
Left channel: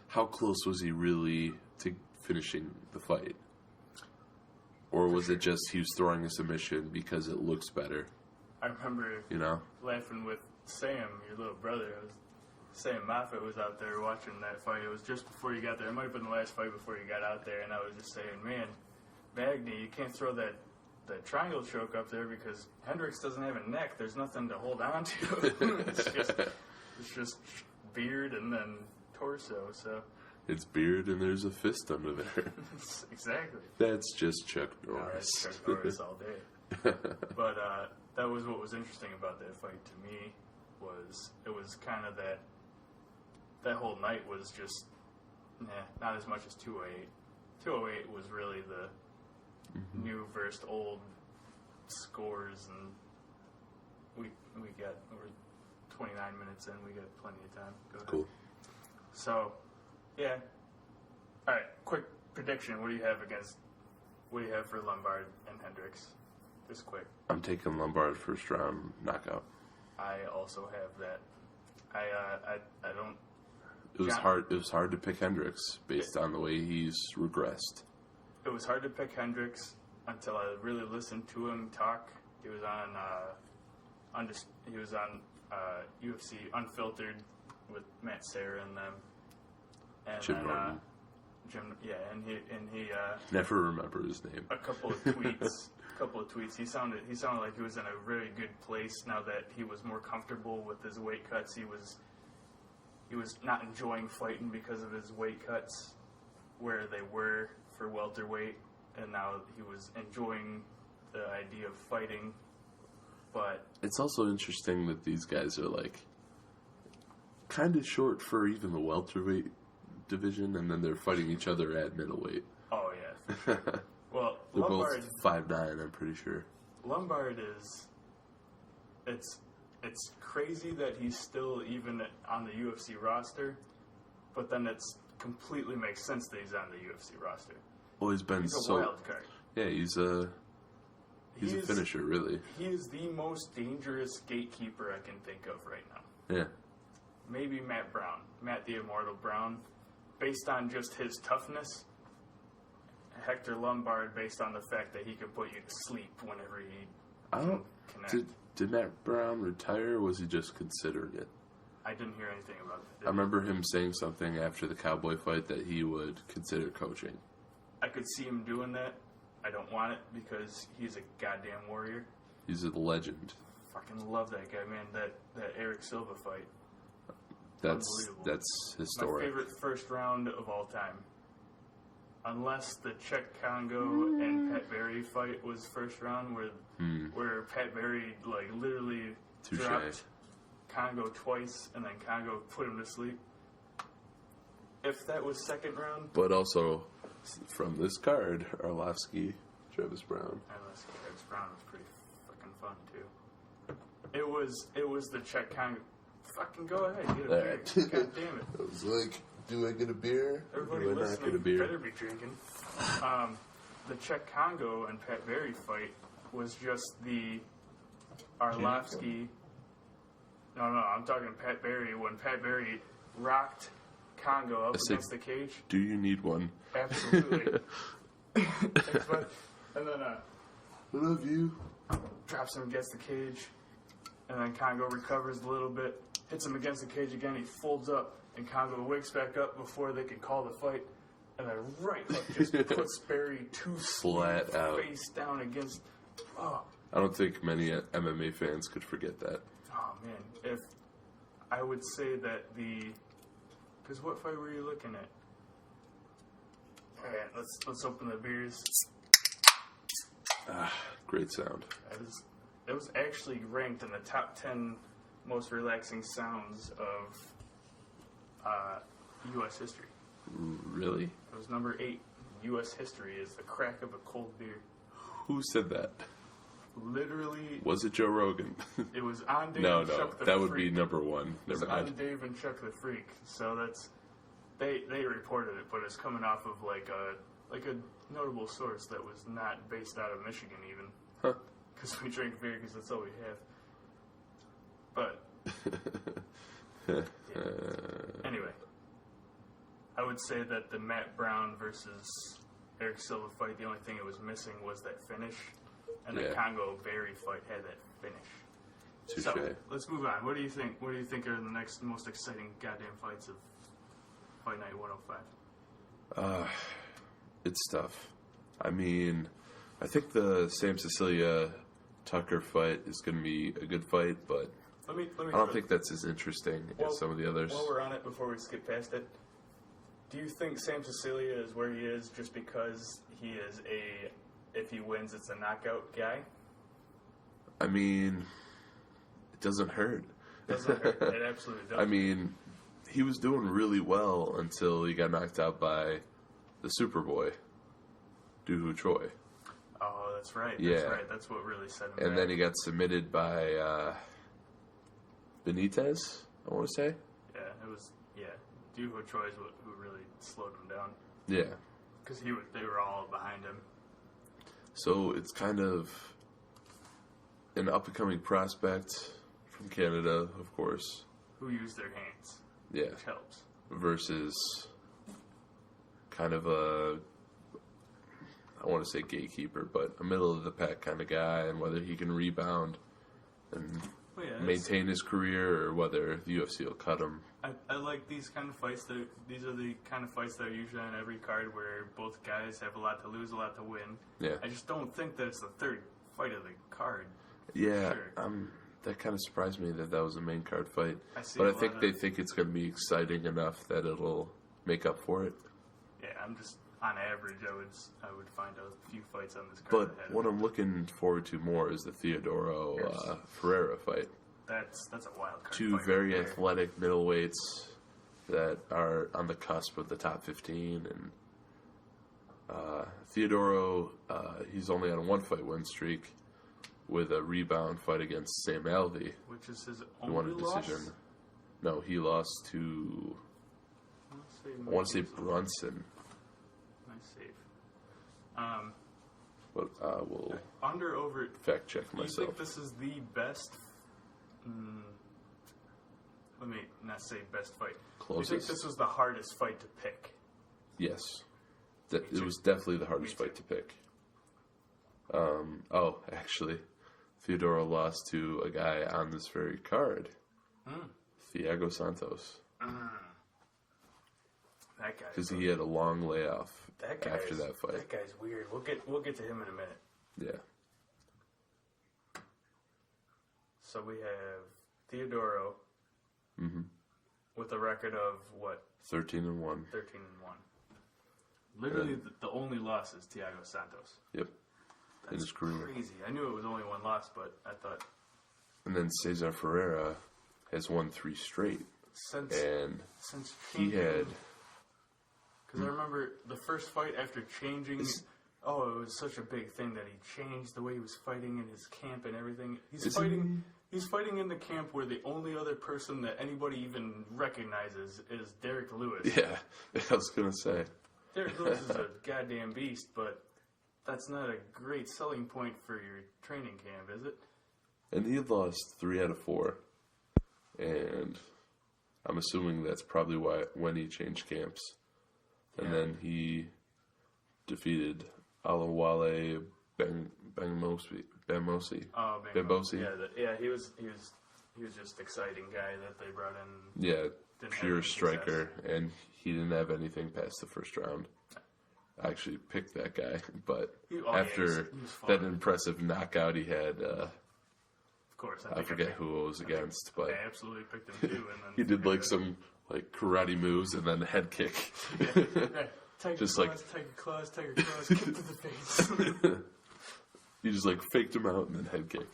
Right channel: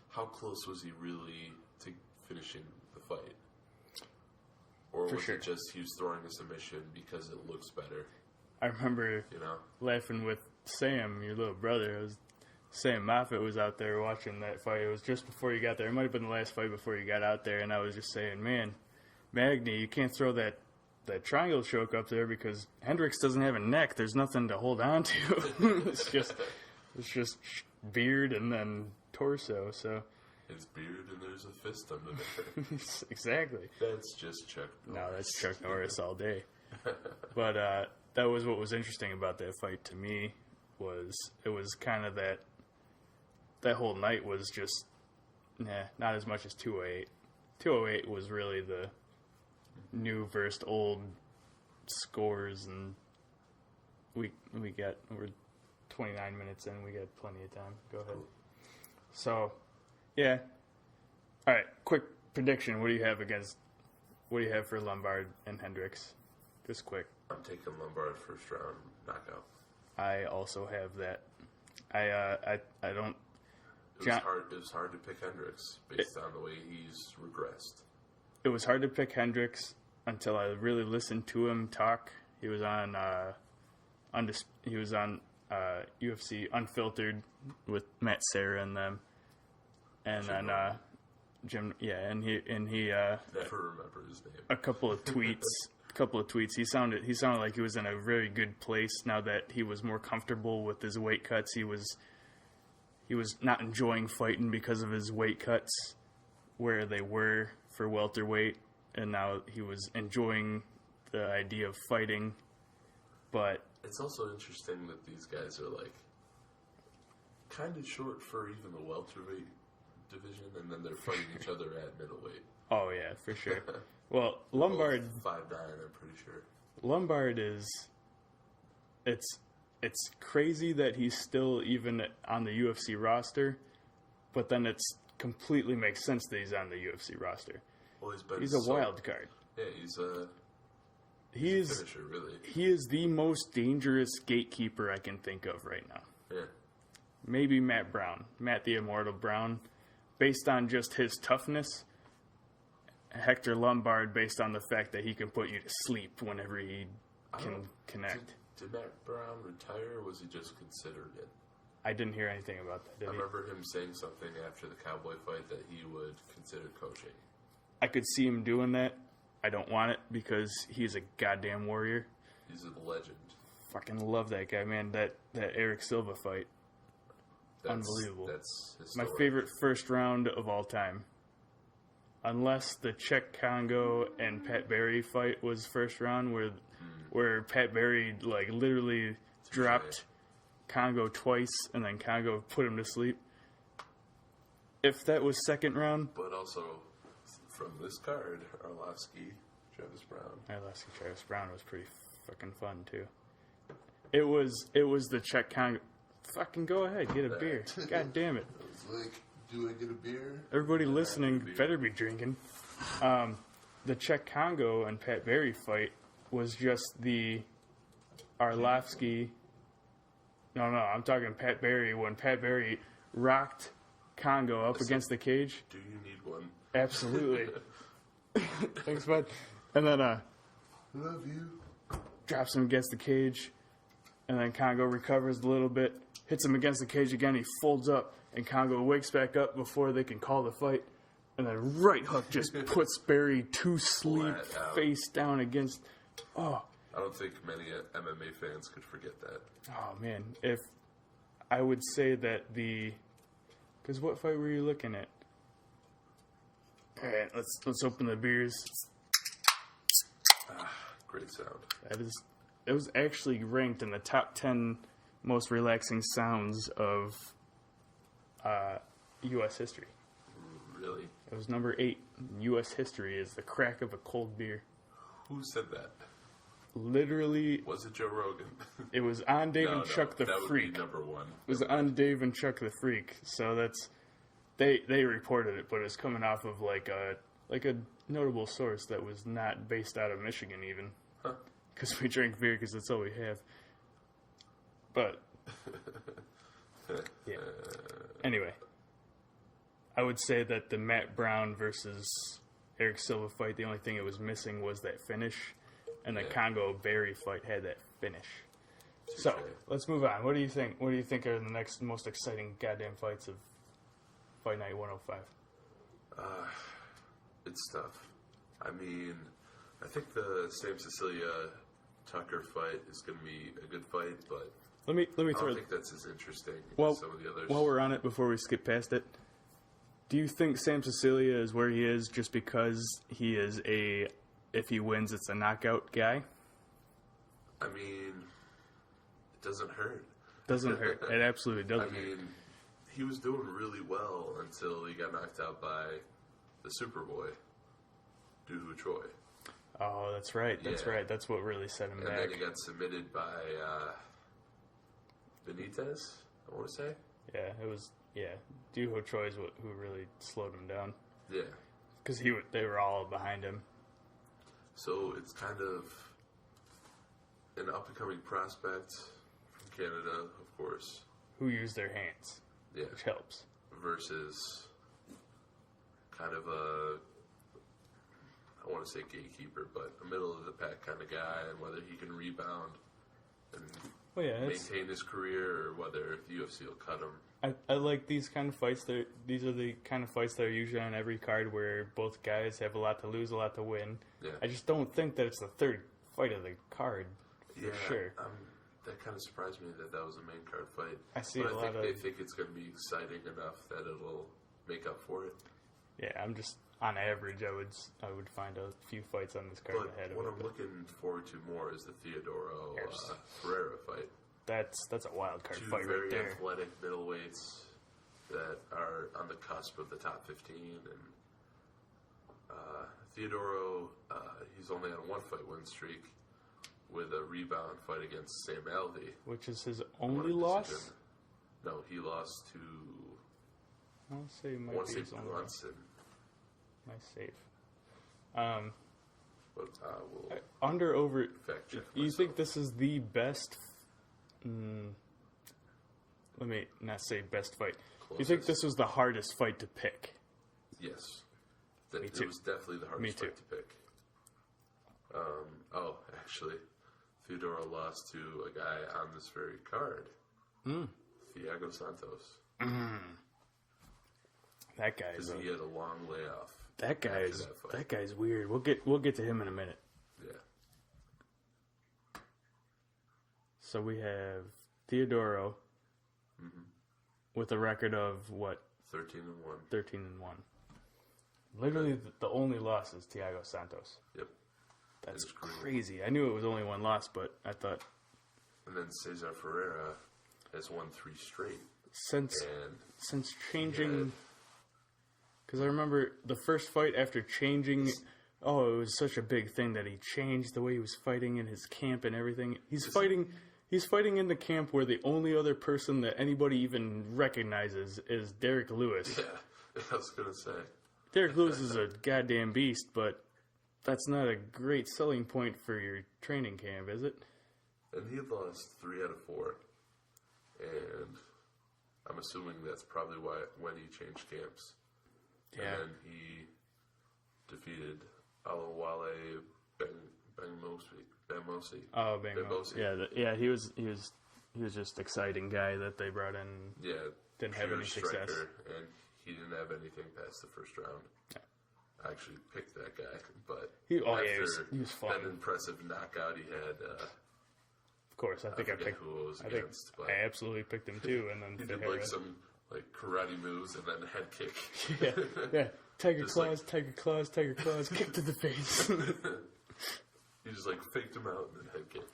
how close was he really to finishing the fight? Or was it just he was throwing a submission because it looks better? I remember laughing with Sam, your little brother. Sam Moffitt was out there watching that fight. It was just before you got there. It might have been the last fight before you got out there. And I was just saying, man, Magny, you can't throw that triangle choke up there because Hendricks doesn't have a neck. There's nothing to hold on to. It's just beard and then torso. So it's beard and there's a fist under there. Exactly. That's just Chuck Norris. No, that's Chuck Norris all day. But that was what was interesting about that fight to me. It was kind of that whole night was just not as much as 208. 208 was really the new versus old scores, and we're 29 minutes in. We got plenty of time. Go ahead. Cool. So, yeah. All right. Quick prediction. What do you have for Lombard and Hendricks? Just quick. I'm taking Lombard first round knockout. I also have that. I don't. It was hard to pick Hendricks based on the way he's regressed. It was hard to pick Hendricks until I really listened to him talk. He was on UFC Unfiltered with Matt Serra and them, and Jim then Norton. Jim. Yeah, and he never remember his name. A couple of tweets. He sounded like he was in a very good place now that he was more comfortable with his weight cuts. He was not enjoying fighting because of his weight cuts where they were for welterweight, and now he was enjoying the idea of fighting. But it's also interesting that these guys are like kind of short for even the welterweight division, and then they're fighting each other at middleweight. Oh yeah, for sure. Well, they're Lombard 5'9", I'm pretty sure. Lombard is it's crazy that he's still even on the UFC roster, but then it's completely makes sense that he's on the UFC roster. Well, he's a wild card. Yeah, he's a finisher, really. He is the most dangerous gatekeeper I can think of right now. Yeah. Maybe Matt the Immortal Brown, based on just his toughness. Hector Lombard, based on the fact that he can put you to sleep whenever he can connect. Did Matt Brown retire, or was he just considered it? I didn't hear anything about that. I remember him saying something after the Cowboy fight that he would consider coaching. I could see him doing that. I don't want it because he's a goddamn warrior. He's a legend. Fucking love that guy, man. That Eric Silva fight. Unbelievable. That's historic. My favorite first round of all time. Unless the Czech Congo and Pat Barry fight was first round, where Pat Barry like literally dropped Congo twice and then Congo put him to sleep. If that was second round, but also from this card, Arlovsky, Travis Brown. Travis Brown was pretty fucking fun too. It was the Czech Congo. Fucking go ahead, get a beer. God damn it. I was like, do I get a beer? Everybody listening better be drinking. The Czech Congo and Pat Barry fight was just the Arlovsky. No, I'm talking Pat Barry. When Pat Barry rocked Congo up against the cage. Do you need one? Absolutely. Thanks, bud. And then, I love you. Drops him against the cage. And then Congo recovers a little bit. Hits him against the cage again. He folds up. And Congo wakes back up before they can call the fight. And then right hook just puts Barry to sleep, face down against... Oh. I don't think many MMA fans could forget that. Oh, man. If I would say that the... Because what fight were you looking at? All right, let's open the beers. Great sound. It was actually ranked in the top 10 most relaxing sounds of U.S. history. Really? It was number 8 in U.S. history is the crack of a cold beer. Who said that? Literally. Was it Joe Rogan? It was on Dave and Chuck the Freak. That would be number 1. It was on Dave and Chuck the Freak. So that's... They reported it, but it's coming off of like a notable source that was not based out of Michigan even. Huh. Because we drink beer because that's all we have. But... yeah. Anyway. I would say that the Matt Brown versus Eric Silva fight, the only thing it was missing was that finish. And the Congo Barry fight had that finish. Touché. So, let's move on. What do you think? What do you think are the next most exciting goddamn fights of Fight Night 105? It's tough. I mean, I think the Sam Cecilia Tucker fight is going to be a good fight, but let me I don't think that's as interesting as some of the others. While we're on it, before we skip past it, do you think Sam Cecilia is where he is just because he is if he wins, it's a knockout guy? I mean, it doesn't hurt. Doesn't hurt. It absolutely doesn't. I mean, he was doing really well until he got knocked out by the Superboy, Dooho Choi. Oh, that's right. That's right. That's what really set him back. And then he got submitted by Benitez, I want to say. Yeah, it was... Yeah, Dooho Choi is who really slowed him down. Yeah. Because they were all behind him. So it's kind of an up-and-coming prospect from Canada, of course. Who use their hands. Yeah. Which helps. Versus kind of I want to say gatekeeper, but a middle-of-the-pack kind of guy, and whether he can rebound and maintain his career, or whether the UFC will cut him. I like these kind of fights. These are the kind of fights that are usually on every card where both guys have a lot to lose, a lot to win. Yeah. I just don't think that it's the third fight of the card. Yeah, sure. That kind of surprised me that was a main card fight. I think they think it's going to be exciting enough that it'll make up for it. Yeah, I'm just on average, I would find a few fights on this card. But what I'm looking forward to more is the Theodoro Ferreira fight. That's a wild card. Two very athletic middleweights that are on the cusp of the top 15, and Theodoro, he's only on a 1-fight win streak with a rebound fight against Sam Alvey, which is his only loss. No, he lost to. I want to say Brunson. Nice save. But we'll under over fact check myself. You think this is the best? Let me not say best fight. Closest. You think this was the hardest fight to pick? Yes, it was definitely the hardest fight to pick. Actually, Theodoro lost to a guy on this very card. Thiago Santos. That guy. Because he had a long layoff That fight. That guy's weird. We'll get to him in a minute. Yeah. So we have Theodoro with a record of what? 13-1. 13-1. Literally, the only loss is Thiago Santos. Yep. That's crazy. I knew it was only one loss, but I thought. And then Cesar Ferreira has won 3 straight. Since changing. He had, because I remember the first fight after changing. It was such a big thing that he changed the way he was fighting in his camp and everything. He's fighting in the camp where the only other person that anybody even recognizes is Derek Lewis. Yeah, I was going to say. Derek Lewis is a goddamn beast, but that's not a great selling point for your training camp, is it? And he had lost 3 out of 4. And I'm assuming that's probably when he changed camps. Yeah. And then he defeated Alawale Bengmosi. Oh, Bengmosi. Yeah, he was just exciting guy that they brought in. Yeah, didn't have pure any striker, success. and he didn't have anything past the first round. Yeah. I actually picked that guy, but he was that impressive knockout he had, of course, I forget who it was against, but I absolutely picked him too. And then he did some karate moves and then a head kick. yeah. Tiger claws, kick to the face. He just faked him out and then head kick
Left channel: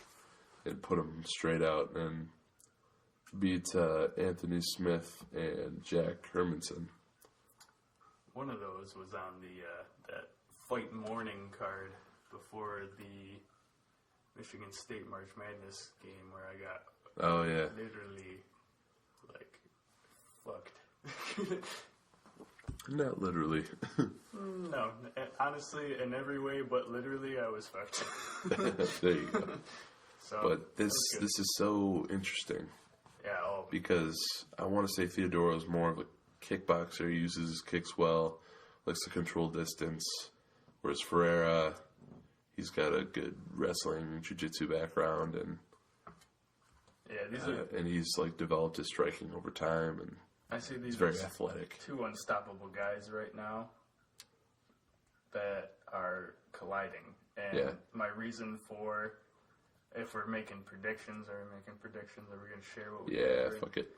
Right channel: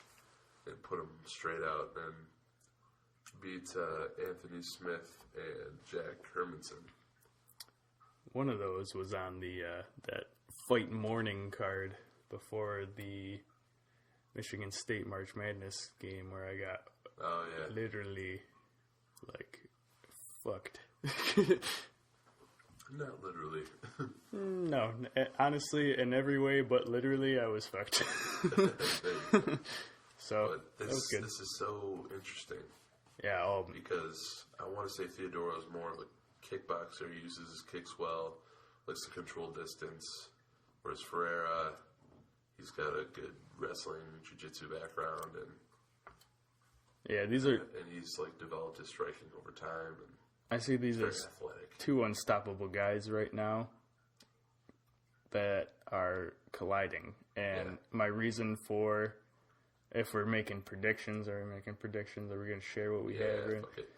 and put him straight out and beat Anthony Smith and Jack Hermanson. One of those was on the that fight morning card before the Michigan State March Madness game where I got literally fucked. Not literally. No, honestly, in every way, but literally, I was fucked. There you go. So, but this is so interesting. Yeah, because I want to say Theodoro is more of a kickboxer. He uses his kicks well, likes to control distance. Whereas Ferreira, he's got a good wrestling, jiu-jitsu background, and and he's developed his striking over time, and I see these very as athletic. 2 unstoppable guys right now that are colliding. And my reason for, if we're making predictions, are we going to share what we got? Yeah, fuck it.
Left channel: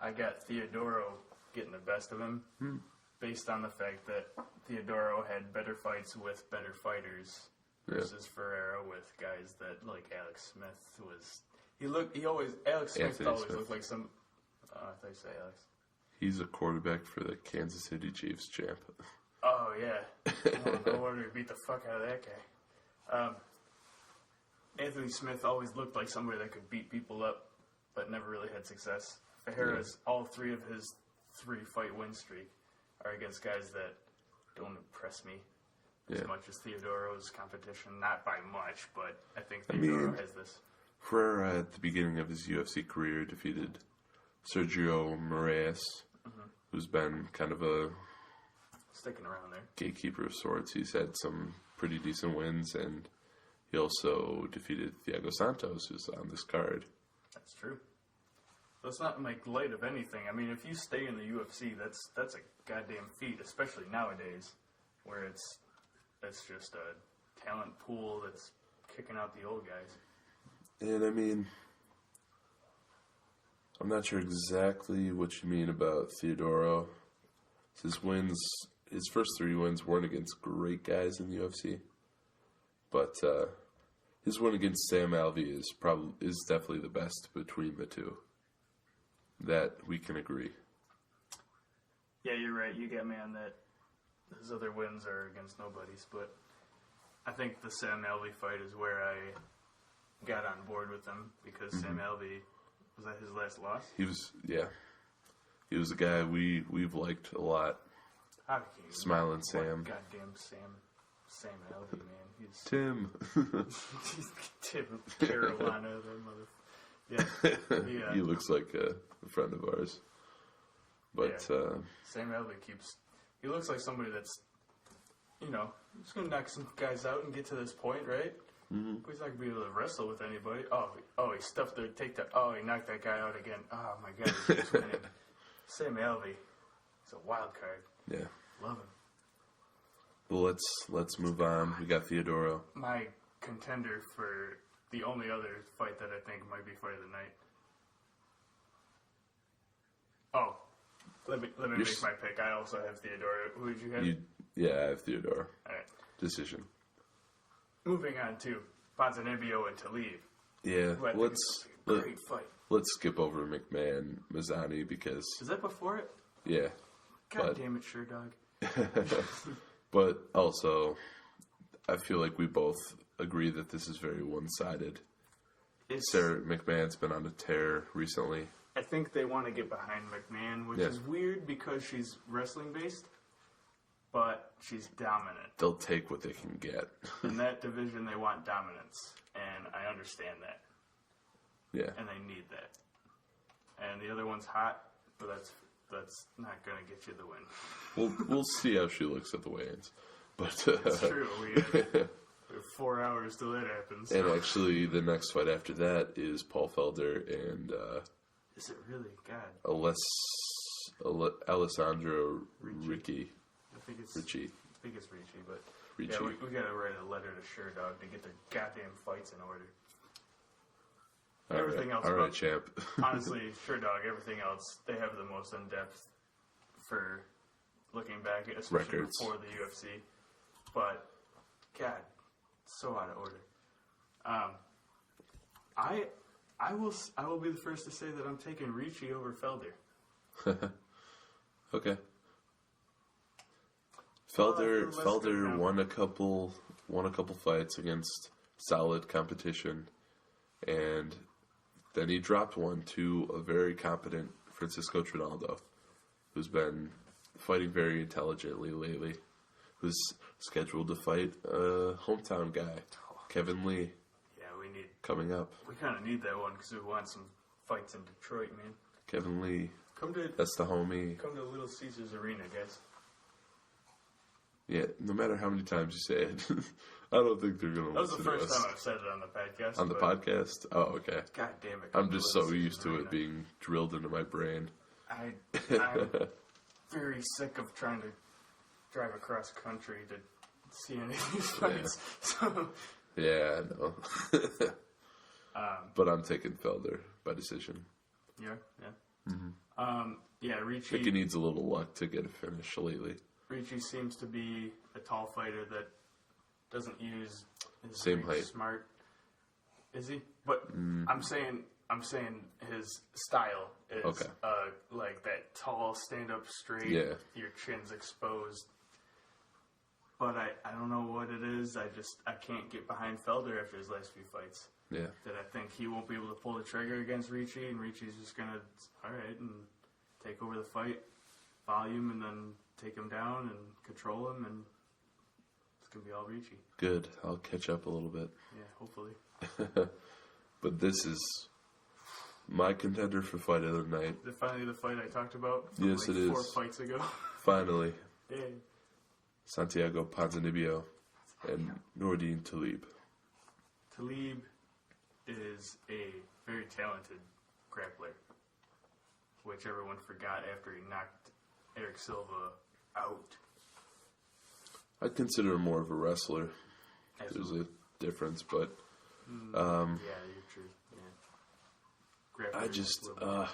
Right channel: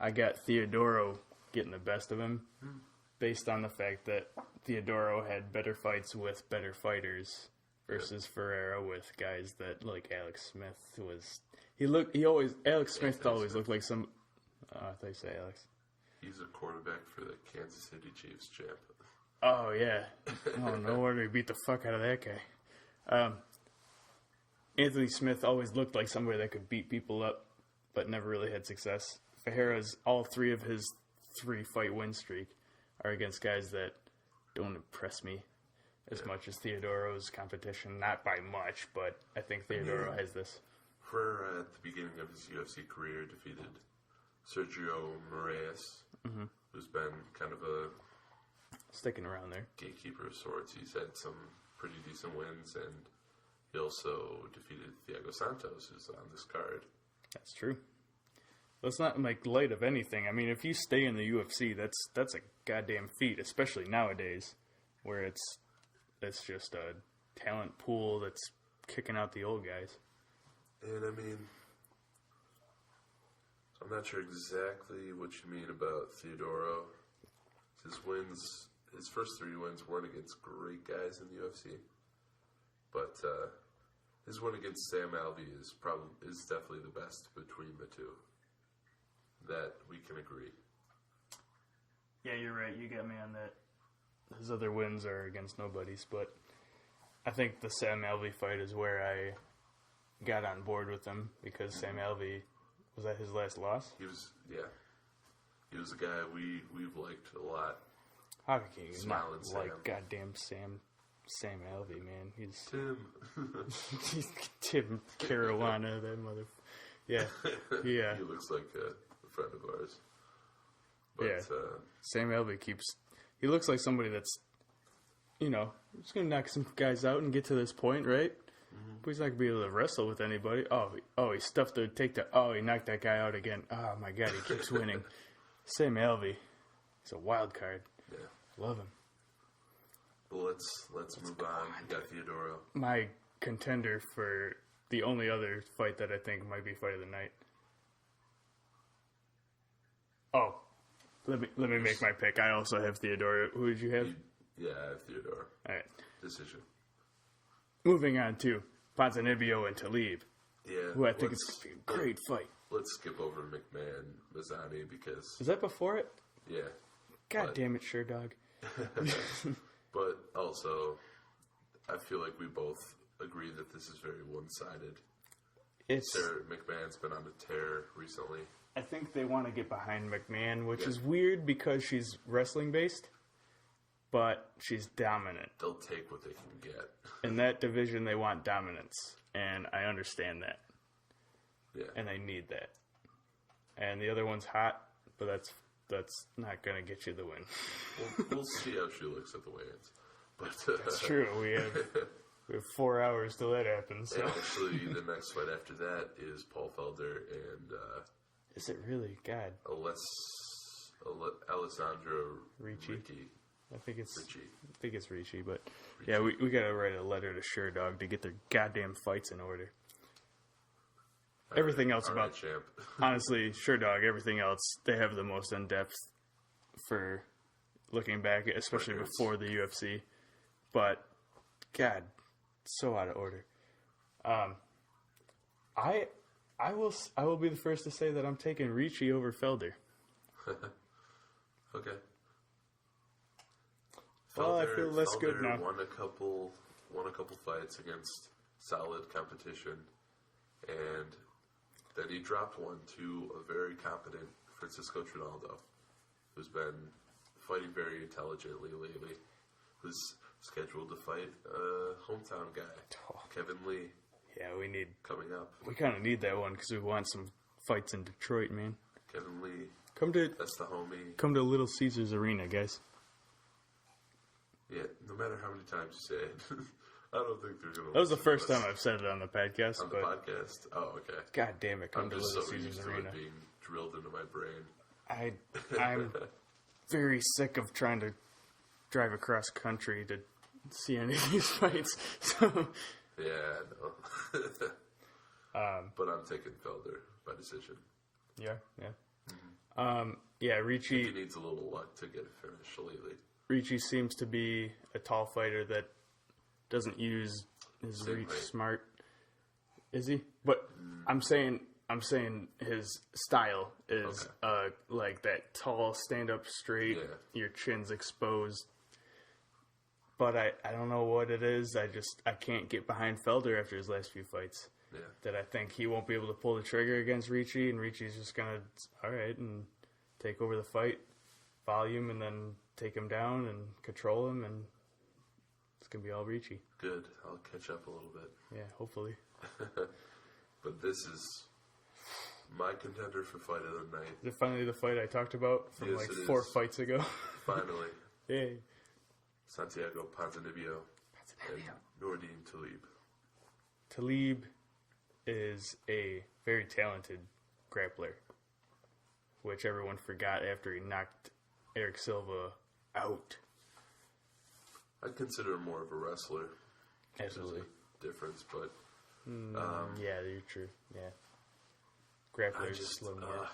I got Theodoro getting the best of him based on the fact that Theodoro had better fights with better fighters versus Ferreira with guys that, Alex Smith was... Alex Smith always looked like some... I thought you say Alex. He's a quarterback for the Kansas City Chiefs, champ. Oh, yeah. No wonder he beat the fuck out of that guy. Anthony Smith always looked like somebody that could beat people up, but never really had success. Ferreira's, all 3 of his 3-fight win streak are against guys that don't impress me as much as Theodoro's competition. Not by much, but I think Theodoro has this. Ferreira, at the beginning of his UFC career, defeated Sergio Moraes, who's been kind of a sticking around there gatekeeper of sorts. He's had some pretty decent wins, and he also defeated Thiago Santos, who's on this card. That's true. Well, it's not light of anything. I mean, if you stay in the UFC, that's a goddamn feat, especially nowadays, where it's just a talent pool that's kicking out the old guys. And I mean, I'm not sure exactly what you mean about Theodoro. His first 3 wins weren't against great guys in the UFC, but his win against Sam Alvey is definitely the best between the 2. That we can agree. Yeah, you're right. You got me on that. His other wins are against nobodies, but I think the Sam Alvey fight is where I got on board with him because Sam Alvey, was that his last loss? He was a guy we've liked a lot. Smiling Sam. Goddamn Sam Alvey, man. He's Tim. Tim Carolina, that mother. Yeah. He looks like a friend of ours. But Sam Alvey looks like somebody that's, just going to knock some guys out and get to this point, right? But he's not gonna be able to wrestle with anybody. Oh, he stuffed the takedown. Oh, he knocked that guy out again. Oh my God, he keeps winning. Sam Alvey, he's a wild card. Yeah. Love him. Well, let's move on. We got Theodoro. My contender for the only other fight that I think might be fight of the night. Oh, let me make my pick. I also have Theodoro. Who did you have? Yeah, I have Theodoro. All right. Decision. Moving on to Ponzinibbio and Talib. Yeah. Who I think is a great fight. Let's skip over McMahon Mazzani because Is that before it? yeah. God damn it, sure, dog. But also, I feel like we both agree that this is very one-sided. Sarah McMahon's been on a tear recently. I think they want to get behind McMahon, which Yeah. is weird because she's wrestling-based, but she's dominant. They'll take what they can get. In that division, they want dominance, and I understand that. Yeah. And they need that. And the other one's hot, but that's not going to get you the win. We'll see how she looks at the weigh-ins. But It's true. We have 4 hours till that happens. So. And actually, the next fight after that is Paul Felder and Is it really? God. Alessandro Ricci. Ricci. I think it's Ricci. Ricci, but Ricci. yeah, we got to write a letter to Sure Dog to get their goddamn fights in order. Everything else All about right, champ. honestly, Sure Dog, everything else, they have the most in-depth for looking back, especially Records. before the UFC. But, God, so out of order. I will be the first to say that I'm taking Ricci over Felder. Okay. Oh, I feel less good Felder now. won a couple fights against solid competition, and then he dropped one to a very competent Francisco Trinaldo, who's been fighting very intelligently lately, who's scheduled to fight a hometown guy, Kevin Lee, Yeah, coming up. we kind of need that one because we want some fights in Detroit, man. Kevin Lee, Come to that's the homie. Little Caesars Arena, guys. Yeah, no matter how many times you say it, I don't think they're going to That was the first time I've said it on the podcast. on the but podcast. Oh, okay. God damn it. I'm come to just Little so Caesars used to Arena. it being drilled into my brain. I'm very sick of trying to drive across country to see any of these fights. So, Yeah, I know. But I'm taking Felder by decision. yeah. I Ricci. think he needs a little luck to get a finish lately. Ricci seems to be a tall fighter that doesn't use his Same reach height. smart. Is he? But I'm saying his style is Okay. like that tall, stand up straight. Yeah. Your chin's exposed. But I don't know what it is. I can't get behind Felder after his last few fights. Yeah. That I think he won't be able to pull the trigger against Ricci, and Ricci's just gonna and take over the fight, volume, and then take him down and control him, and it's gonna be all Ricci. Good. I'll catch up a little bit. Yeah, hopefully. But this is my contender for fight of the night. Is it finally the fight I talked about from Yes, like it 4 is. fights ago? Finally, Yay. Santiago Ponzinibbio and Nordine Talib. Talib is a very talented grappler, which everyone forgot after he knocked Eric Silva out. I'd consider him more of a wrestler. Absolutely. There's a difference, but Yeah, you're true. Yeah. Grappler I is just a little more.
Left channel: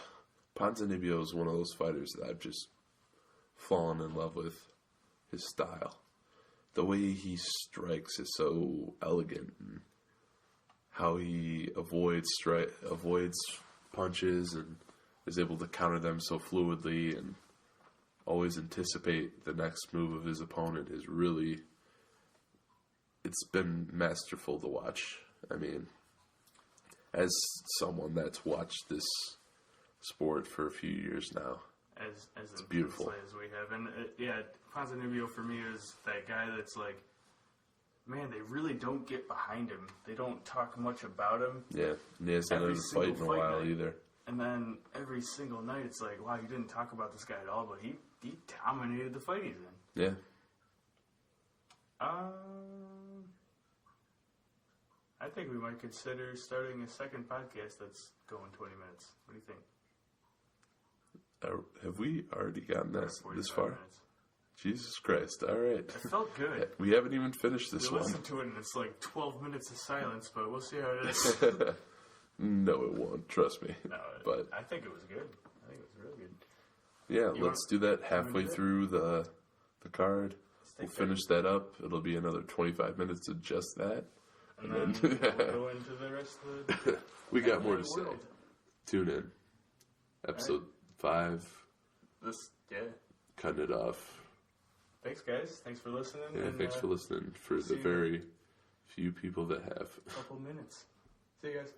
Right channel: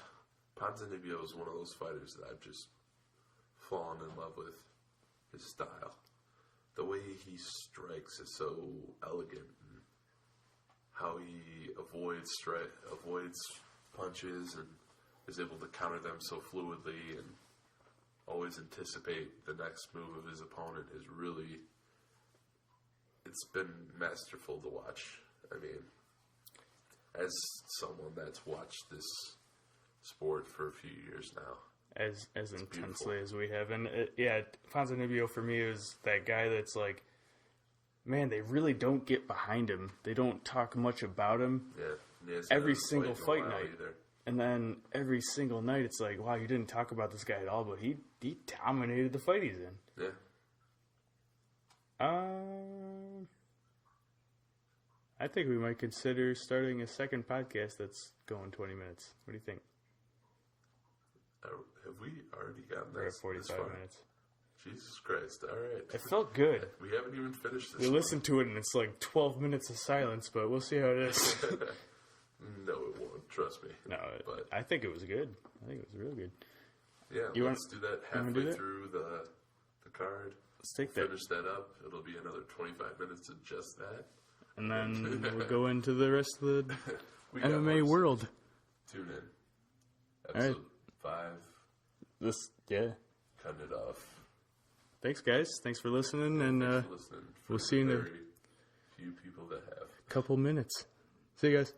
Ponzinibbio is one of those fighters that I've just fallen in love with. His style, the way he strikes is so elegant, and how he avoids punches and is able to counter them so fluidly and always anticipate the next move of his opponent is really. It's been masterful to watch. I mean, as someone that's watched this sport for a few years now. As intensely beautiful. as we have. And Ponzinibbio for me is that guy that's like, man, they really don't get behind him. They don't talk much about him. Yeah, and he hasn't Every had a single fight in a fight while night. either. And then every single night it's like, wow, you didn't talk about this guy at all, but he dominated the fight he's in. Yeah, I think we might consider starting a second podcast that's going 20 minutes. What do you think? Have we already gotten We're at this 45 far? minutes. Jesus Christ. All right. It felt good. We haven't even finished this We one. listened to it and it's like 12 minutes of silence, but we'll see how it is. No, it won't. Trust me. No, But I think it was good. I think it was real good. yeah, let's do that halfway do that? through the card. Let's take We'll finish that up. It'll be another 25 minutes of just that. and then we'll go into the rest of the We got more anime to say. world. Tune in. Episode 5. Yeah. Cutting it off. Thanks, guys. Thanks for listening. Yeah, and thanks for listening. For we'll see the you in a very few people that have. couple minutes. See you guys.